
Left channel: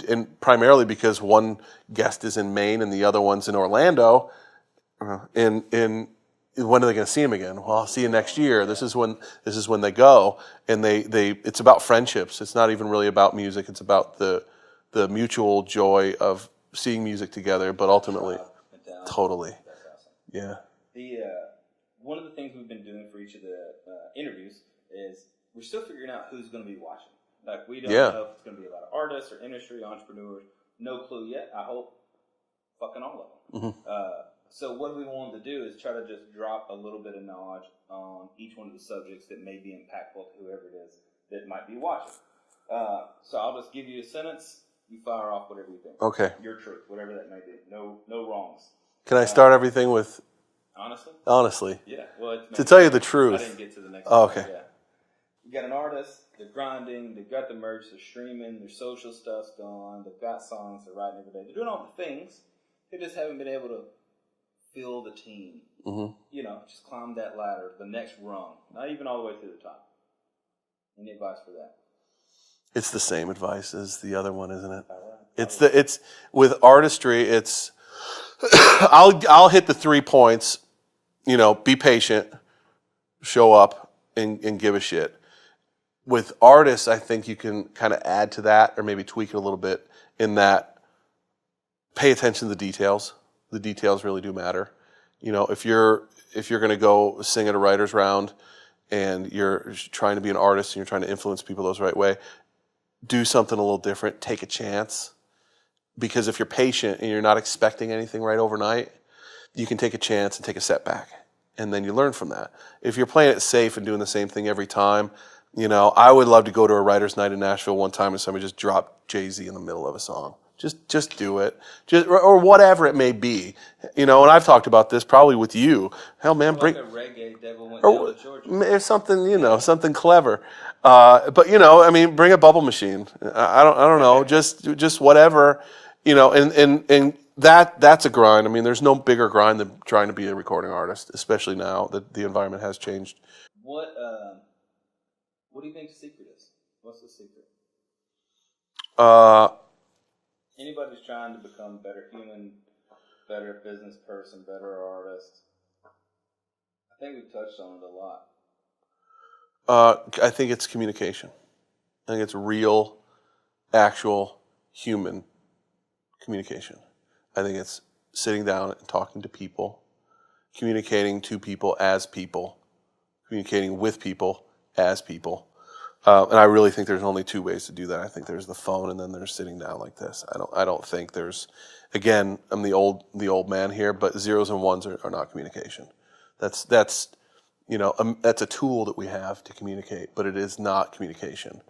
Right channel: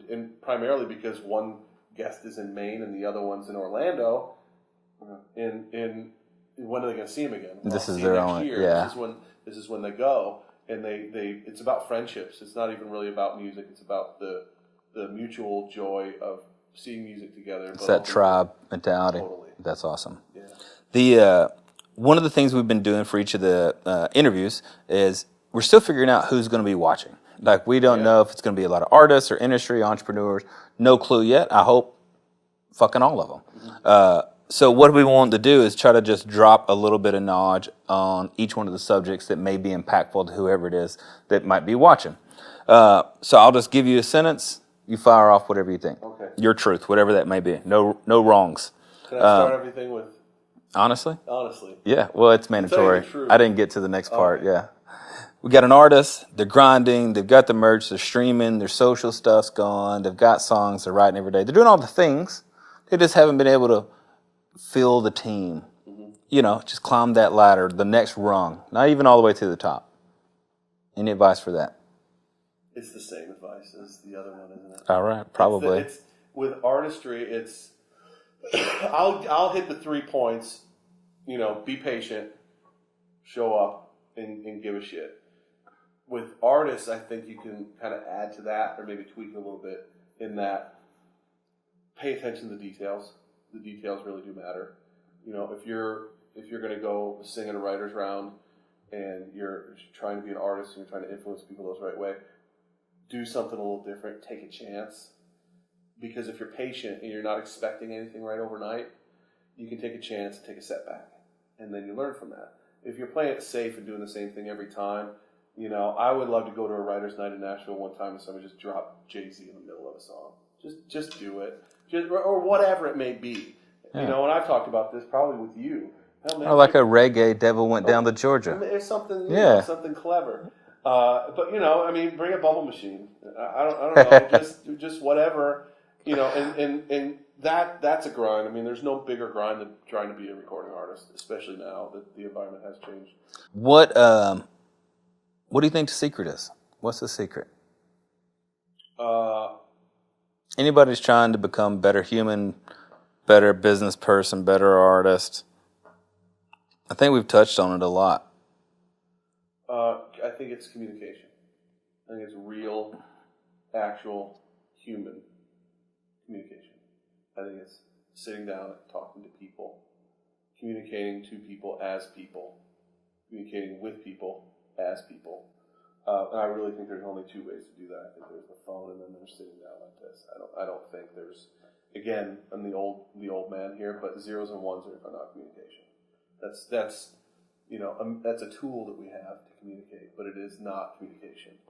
and primarily because one guest is in Maine and the other one's in Orlando, and when are they going to see him again? Well, I'll see you next year. Yeah. This is when they go, and it's about friendships. It's not even really about music. It's about the mutual joy of seeing music together. But ultimately, tribe mentality. Totally, that's awesome. Yeah. The one of the things we've been doing for each of the interviews is we're still figuring out who's going to be watching. Like, we don't know if it's going to be a lot of artists or industry entrepreneurs. No clue yet. I hope fucking all of them. Mm-hmm. So what we want to do is try to just drop a little bit of knowledge on each one of the subjects that may be impactful to whoever it is that might be watching. So I'll just give you a sentence. You fire off whatever you think. Okay. Your truth, whatever that may be. No wrongs. Can I start everything with honestly? Honestly. Yeah. Well, it's mandatory. To tell you the truth. I didn't get to the next part. Okay. Yeah. We got an artist, they're grinding, they've got the merch, they're streaming, their social stuff's gone, they've got songs, they're writing every day. They're doing all the things. They just haven't been able to fill the team. Mm-hmm. Just climb that ladder, the next rung, not even all the way to the top. Any advice for that? It's the same advice as the other one, isn't it? All right, probably. It's with artistry, it's I'll hit the 3 points, be patient, show up, and give a shit. With artists, I think you can kind of add to that or maybe tweak it a little bit in that pay attention to the details. The details really do matter. If you're going to go sing at a writer's round and you're trying to be an artist and you're trying to influence people the right way, do something a little different. Take a chance. Because if you're patient and you're not expecting anything right overnight, you can take a chance and take a setback. And then you learn from that. If you're playing it safe and doing the same thing every time, I would love to go to a writer's night in Nashville one time and somebody just dropped Jay-Z in the middle of a song. Just do it, or whatever it may be, And I've talked about this probably with you. Hell, man, like a reggae devil went down to Georgia. There's something, something clever. But bring a bubble machine. I don't know, just whatever, and that's a grind. There's no bigger grind than trying to be a recording artist, especially now that the environment has changed. What do you think the secret is? What's the secret? Anybody's trying to become better human, better business person, better artist. I think we've touched on it a lot. I think it's communication. I think it's real, actual, human communication. I think it's sitting down and talking to people, communicating to people as people, communicating with people as people. And I really think there's only 2 ways to do that. I think there's the phone, and then there's sitting down like this. I don't think there's. Again, I'm the old man here, but zeros and ones are not communication. That's that's a tool that we have to communicate, but it is not communication.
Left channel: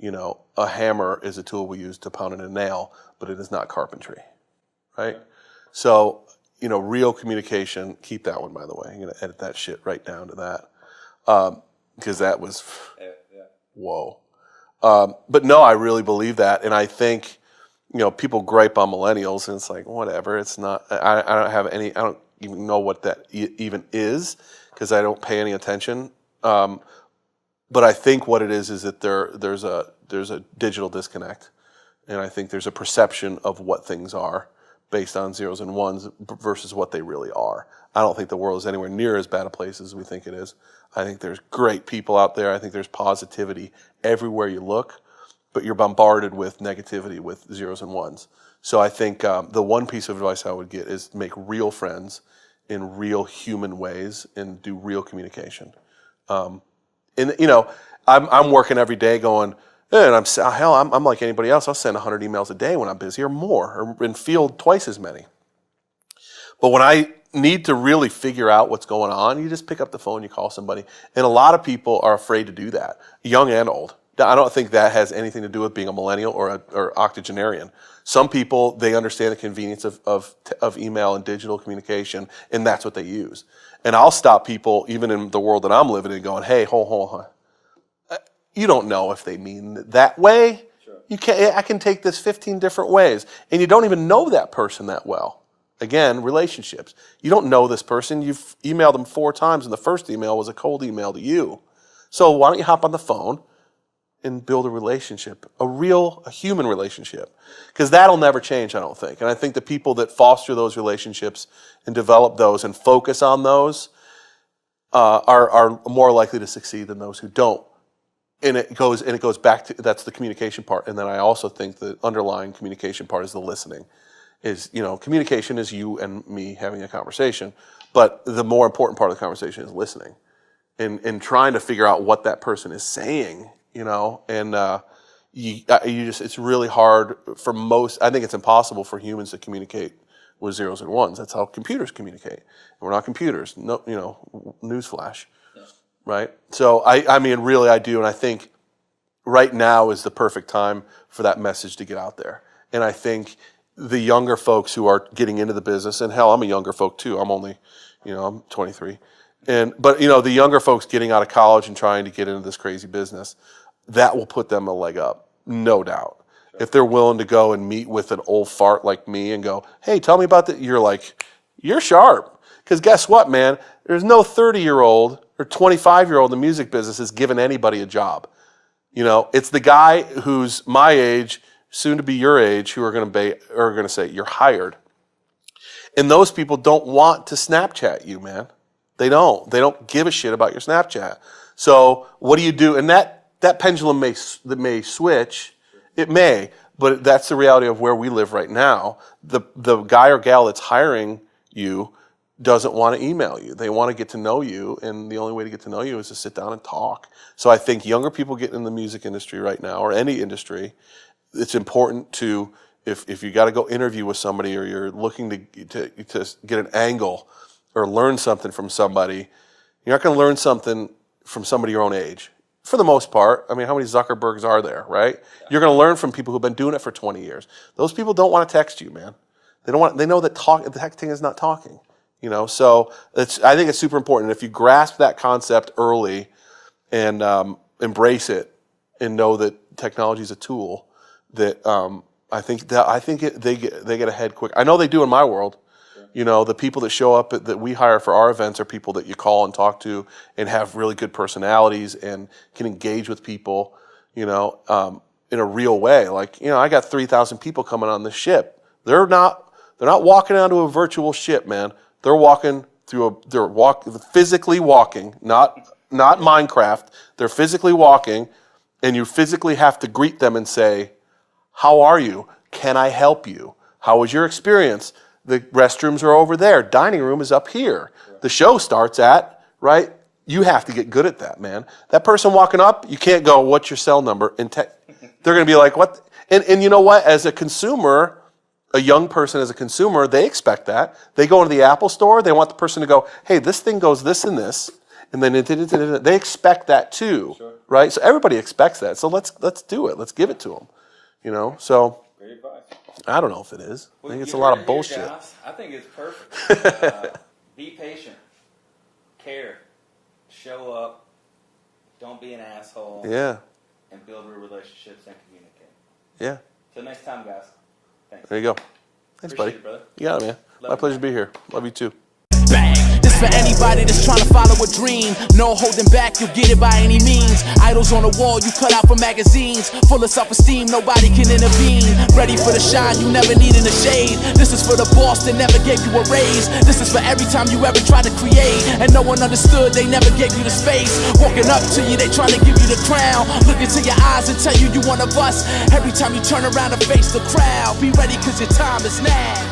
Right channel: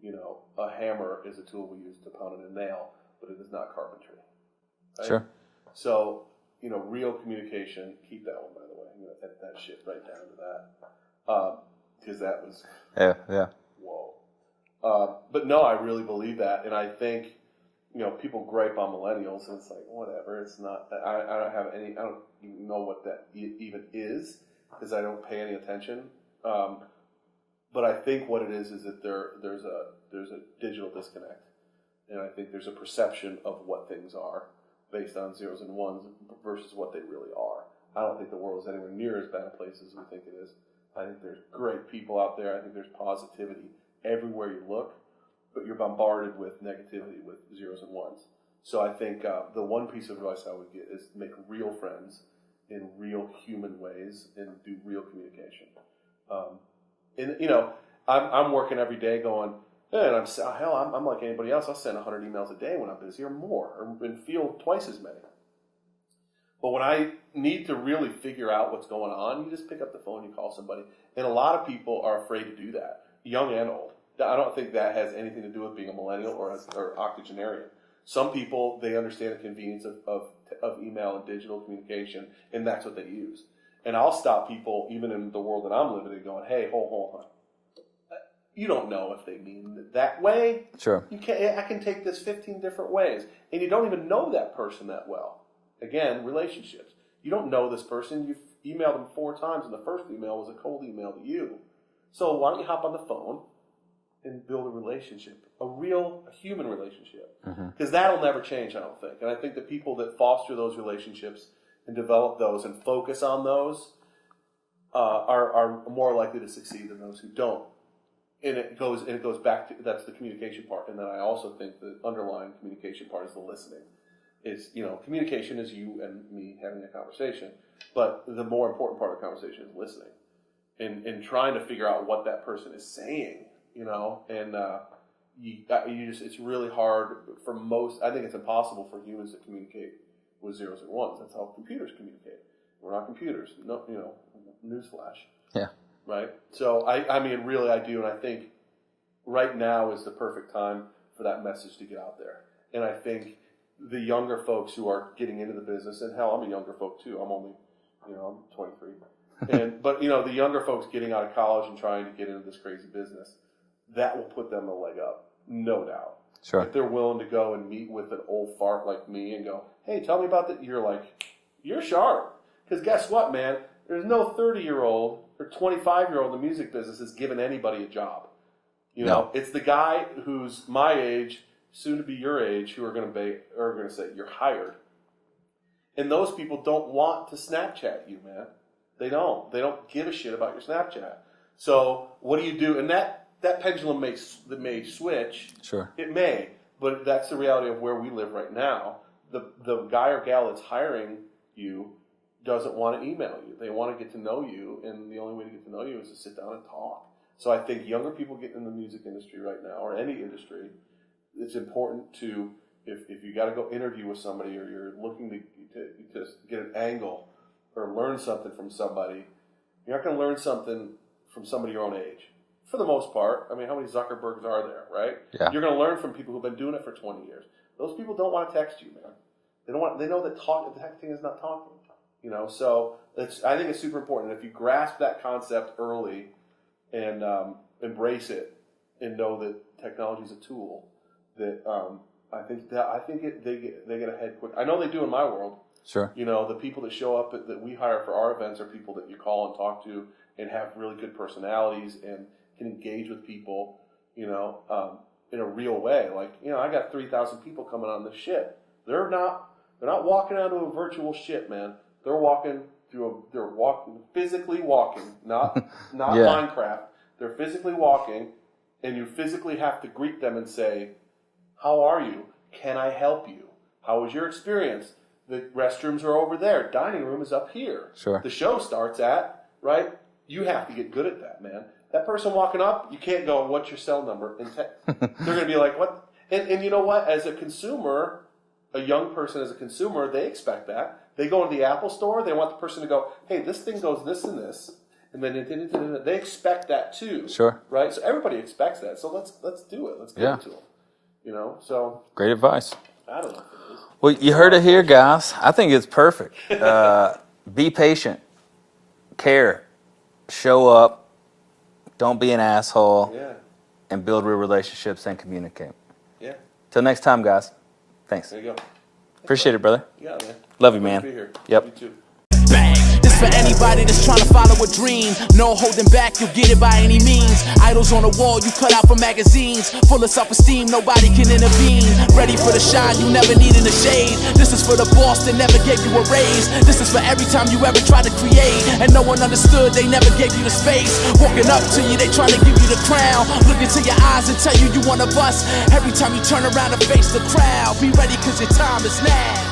A hammer is a tool we use to pound in a nail, but it is not carpentry, right? Sure. So real communication. Keep that one, by the way. I'm gonna edit that shit right down to that, because that was yeah. Whoa. But no, I really believe that. And I think, people gripe on millennials and it's like, whatever, it's not, I don't even know what that even is because I don't pay any attention. But I think what it is that there's a digital disconnect. And I think there's a perception of what things are based on zeros and ones versus what they really are. I don't think the world is anywhere near as bad a place as we think it is. I think there's great people out there. I think there's positivity everywhere you look. but you're bombarded with negativity, with zeros and ones. So I think the one piece of advice I would get is make real friends in real human ways and do real communication. And you know, I'm working every day going, and I'm like anybody else. I'll send 100 emails a day when I'm busy or more, and field twice as many. But when I need to really figure out what's going on, you just pick up the phone, you call somebody. And a lot of people are afraid to do that, young and old. I don't think that has anything to do with being a millennial or octogenarian. Some people, they understand the convenience of email and digital communication, and that's what they use. And I'll stop people, even in the world that I'm living in, going, hey, hold on. You don't know if they mean it that way. Sure. I can take this 15 different ways, and you don't even know that person that well. Again, relationships. You don't know this person. You've emailed them 4 times, and the first email was a cold email to you. So why don't you hop on the phone and build a relationship, a human relationship? Because that'll never change, I don't think. And I think the people that foster those relationships and develop those and focus on those are more likely to succeed than those who don't. And it goes back to, that's the communication part. And then I also think the underlying communication part is the listening. Communication is you and me having a conversation, but the more important part of the conversation is listening and trying to figure out what that person is saying, and it's really hard for most. I think it's impossible for humans to communicate with zeros and ones. That's how computers communicate. We're not computers. No, newsflash. Yeah. Right. So I mean, really, I do, and I think right now is the perfect time for that message to get out there. And I think the younger folks who are getting into the business, and hell, I'm a younger folk too. I'm only, I'm 23. But the younger folks getting out of college and trying to get into this crazy business, that will put them a leg up, no doubt. Sure. If they're willing to go and meet with an old fart like me and go, hey, tell me about that. You're like, you're sharp. Because guess what, man? There's no 30-year-old or 25-year-old in the music business is giving anybody a job. It's the guy who's my age, soon to be your age, who are going to say you're hired. And those people don't want to Snapchat you, man. They don't give a shit about your Snapchat. So what do you do? And that pendulum may switch. Sure. It may, but that's the reality of where we live right now. The guy or gal that's hiring you doesn't want to email you. They want to get to know you, and the only way to get to know you is to sit down and talk. So I think younger people getting in the music industry right now, or any industry, it's important to, if you got to go interview with somebody, or you're looking to get an angle or learn something from somebody, you're not going to learn something from somebody your own age. For the most part, I mean, how many Zuckerbergs are there, right? Yeah. You're going to learn from people who've been doing it for 20 years. Those people don't want to text you, man. They know that texting is not talking. So I think it's super important. If you grasp that concept early and embrace it and know that technology is a tool, that I think they get ahead quick. I know they do in my world. Sure. The people that show up that we hire for our events are people that you call and talk to and have really good personalities and can engage with people, in a real way. Like, I got 3,000 people coming on this ship. They're not walking onto a virtual ship, man. They're walking through physically walking, not Minecraft. They're physically walking, and you physically have to greet them and say, how are you? Can I help you? How was your experience? The restrooms are over there. Dining room is up here. Sure. The show starts at, right? You have to get good at that, man. That person walking up, you can't go, what's your cell number? They're going to be like, what? And you know what? As a consumer, a young person as a consumer, they expect that. They go into the Apple store, they want the person to go, hey, this thing goes this and this, and then they expect that too. Sure. Right? So everybody expects that. So let's do it. Let's give it to them. So Great advice. I don't know if it is. Well, you heard it here, guys. I think it's perfect. Be patient. Care. Show up. Don't be an asshole. Yeah. And build real relationships and communicate. Yeah. Till next time, guys. Thanks. There you go. Appreciate it, brother. You got it, man. Love you, Pleasure man. to be here. Yep. Love you too. Bang. This This for anybody that's trying to follow a dream. No holding back, you'll get it by any means. Idols on the wall, you cut out from magazines. Full of self-esteem, nobody can intervene. Ready for the shine, you never need in the shade. This is for the boss that never gave you a raise. This is for every time you ever tried to create and no one understood, they never gave you the space. Walking up to you, they trying to give you the crown. Look into your eyes and tell you you one of us. Every time you turn around and face the crowd, be ready cause your time is now.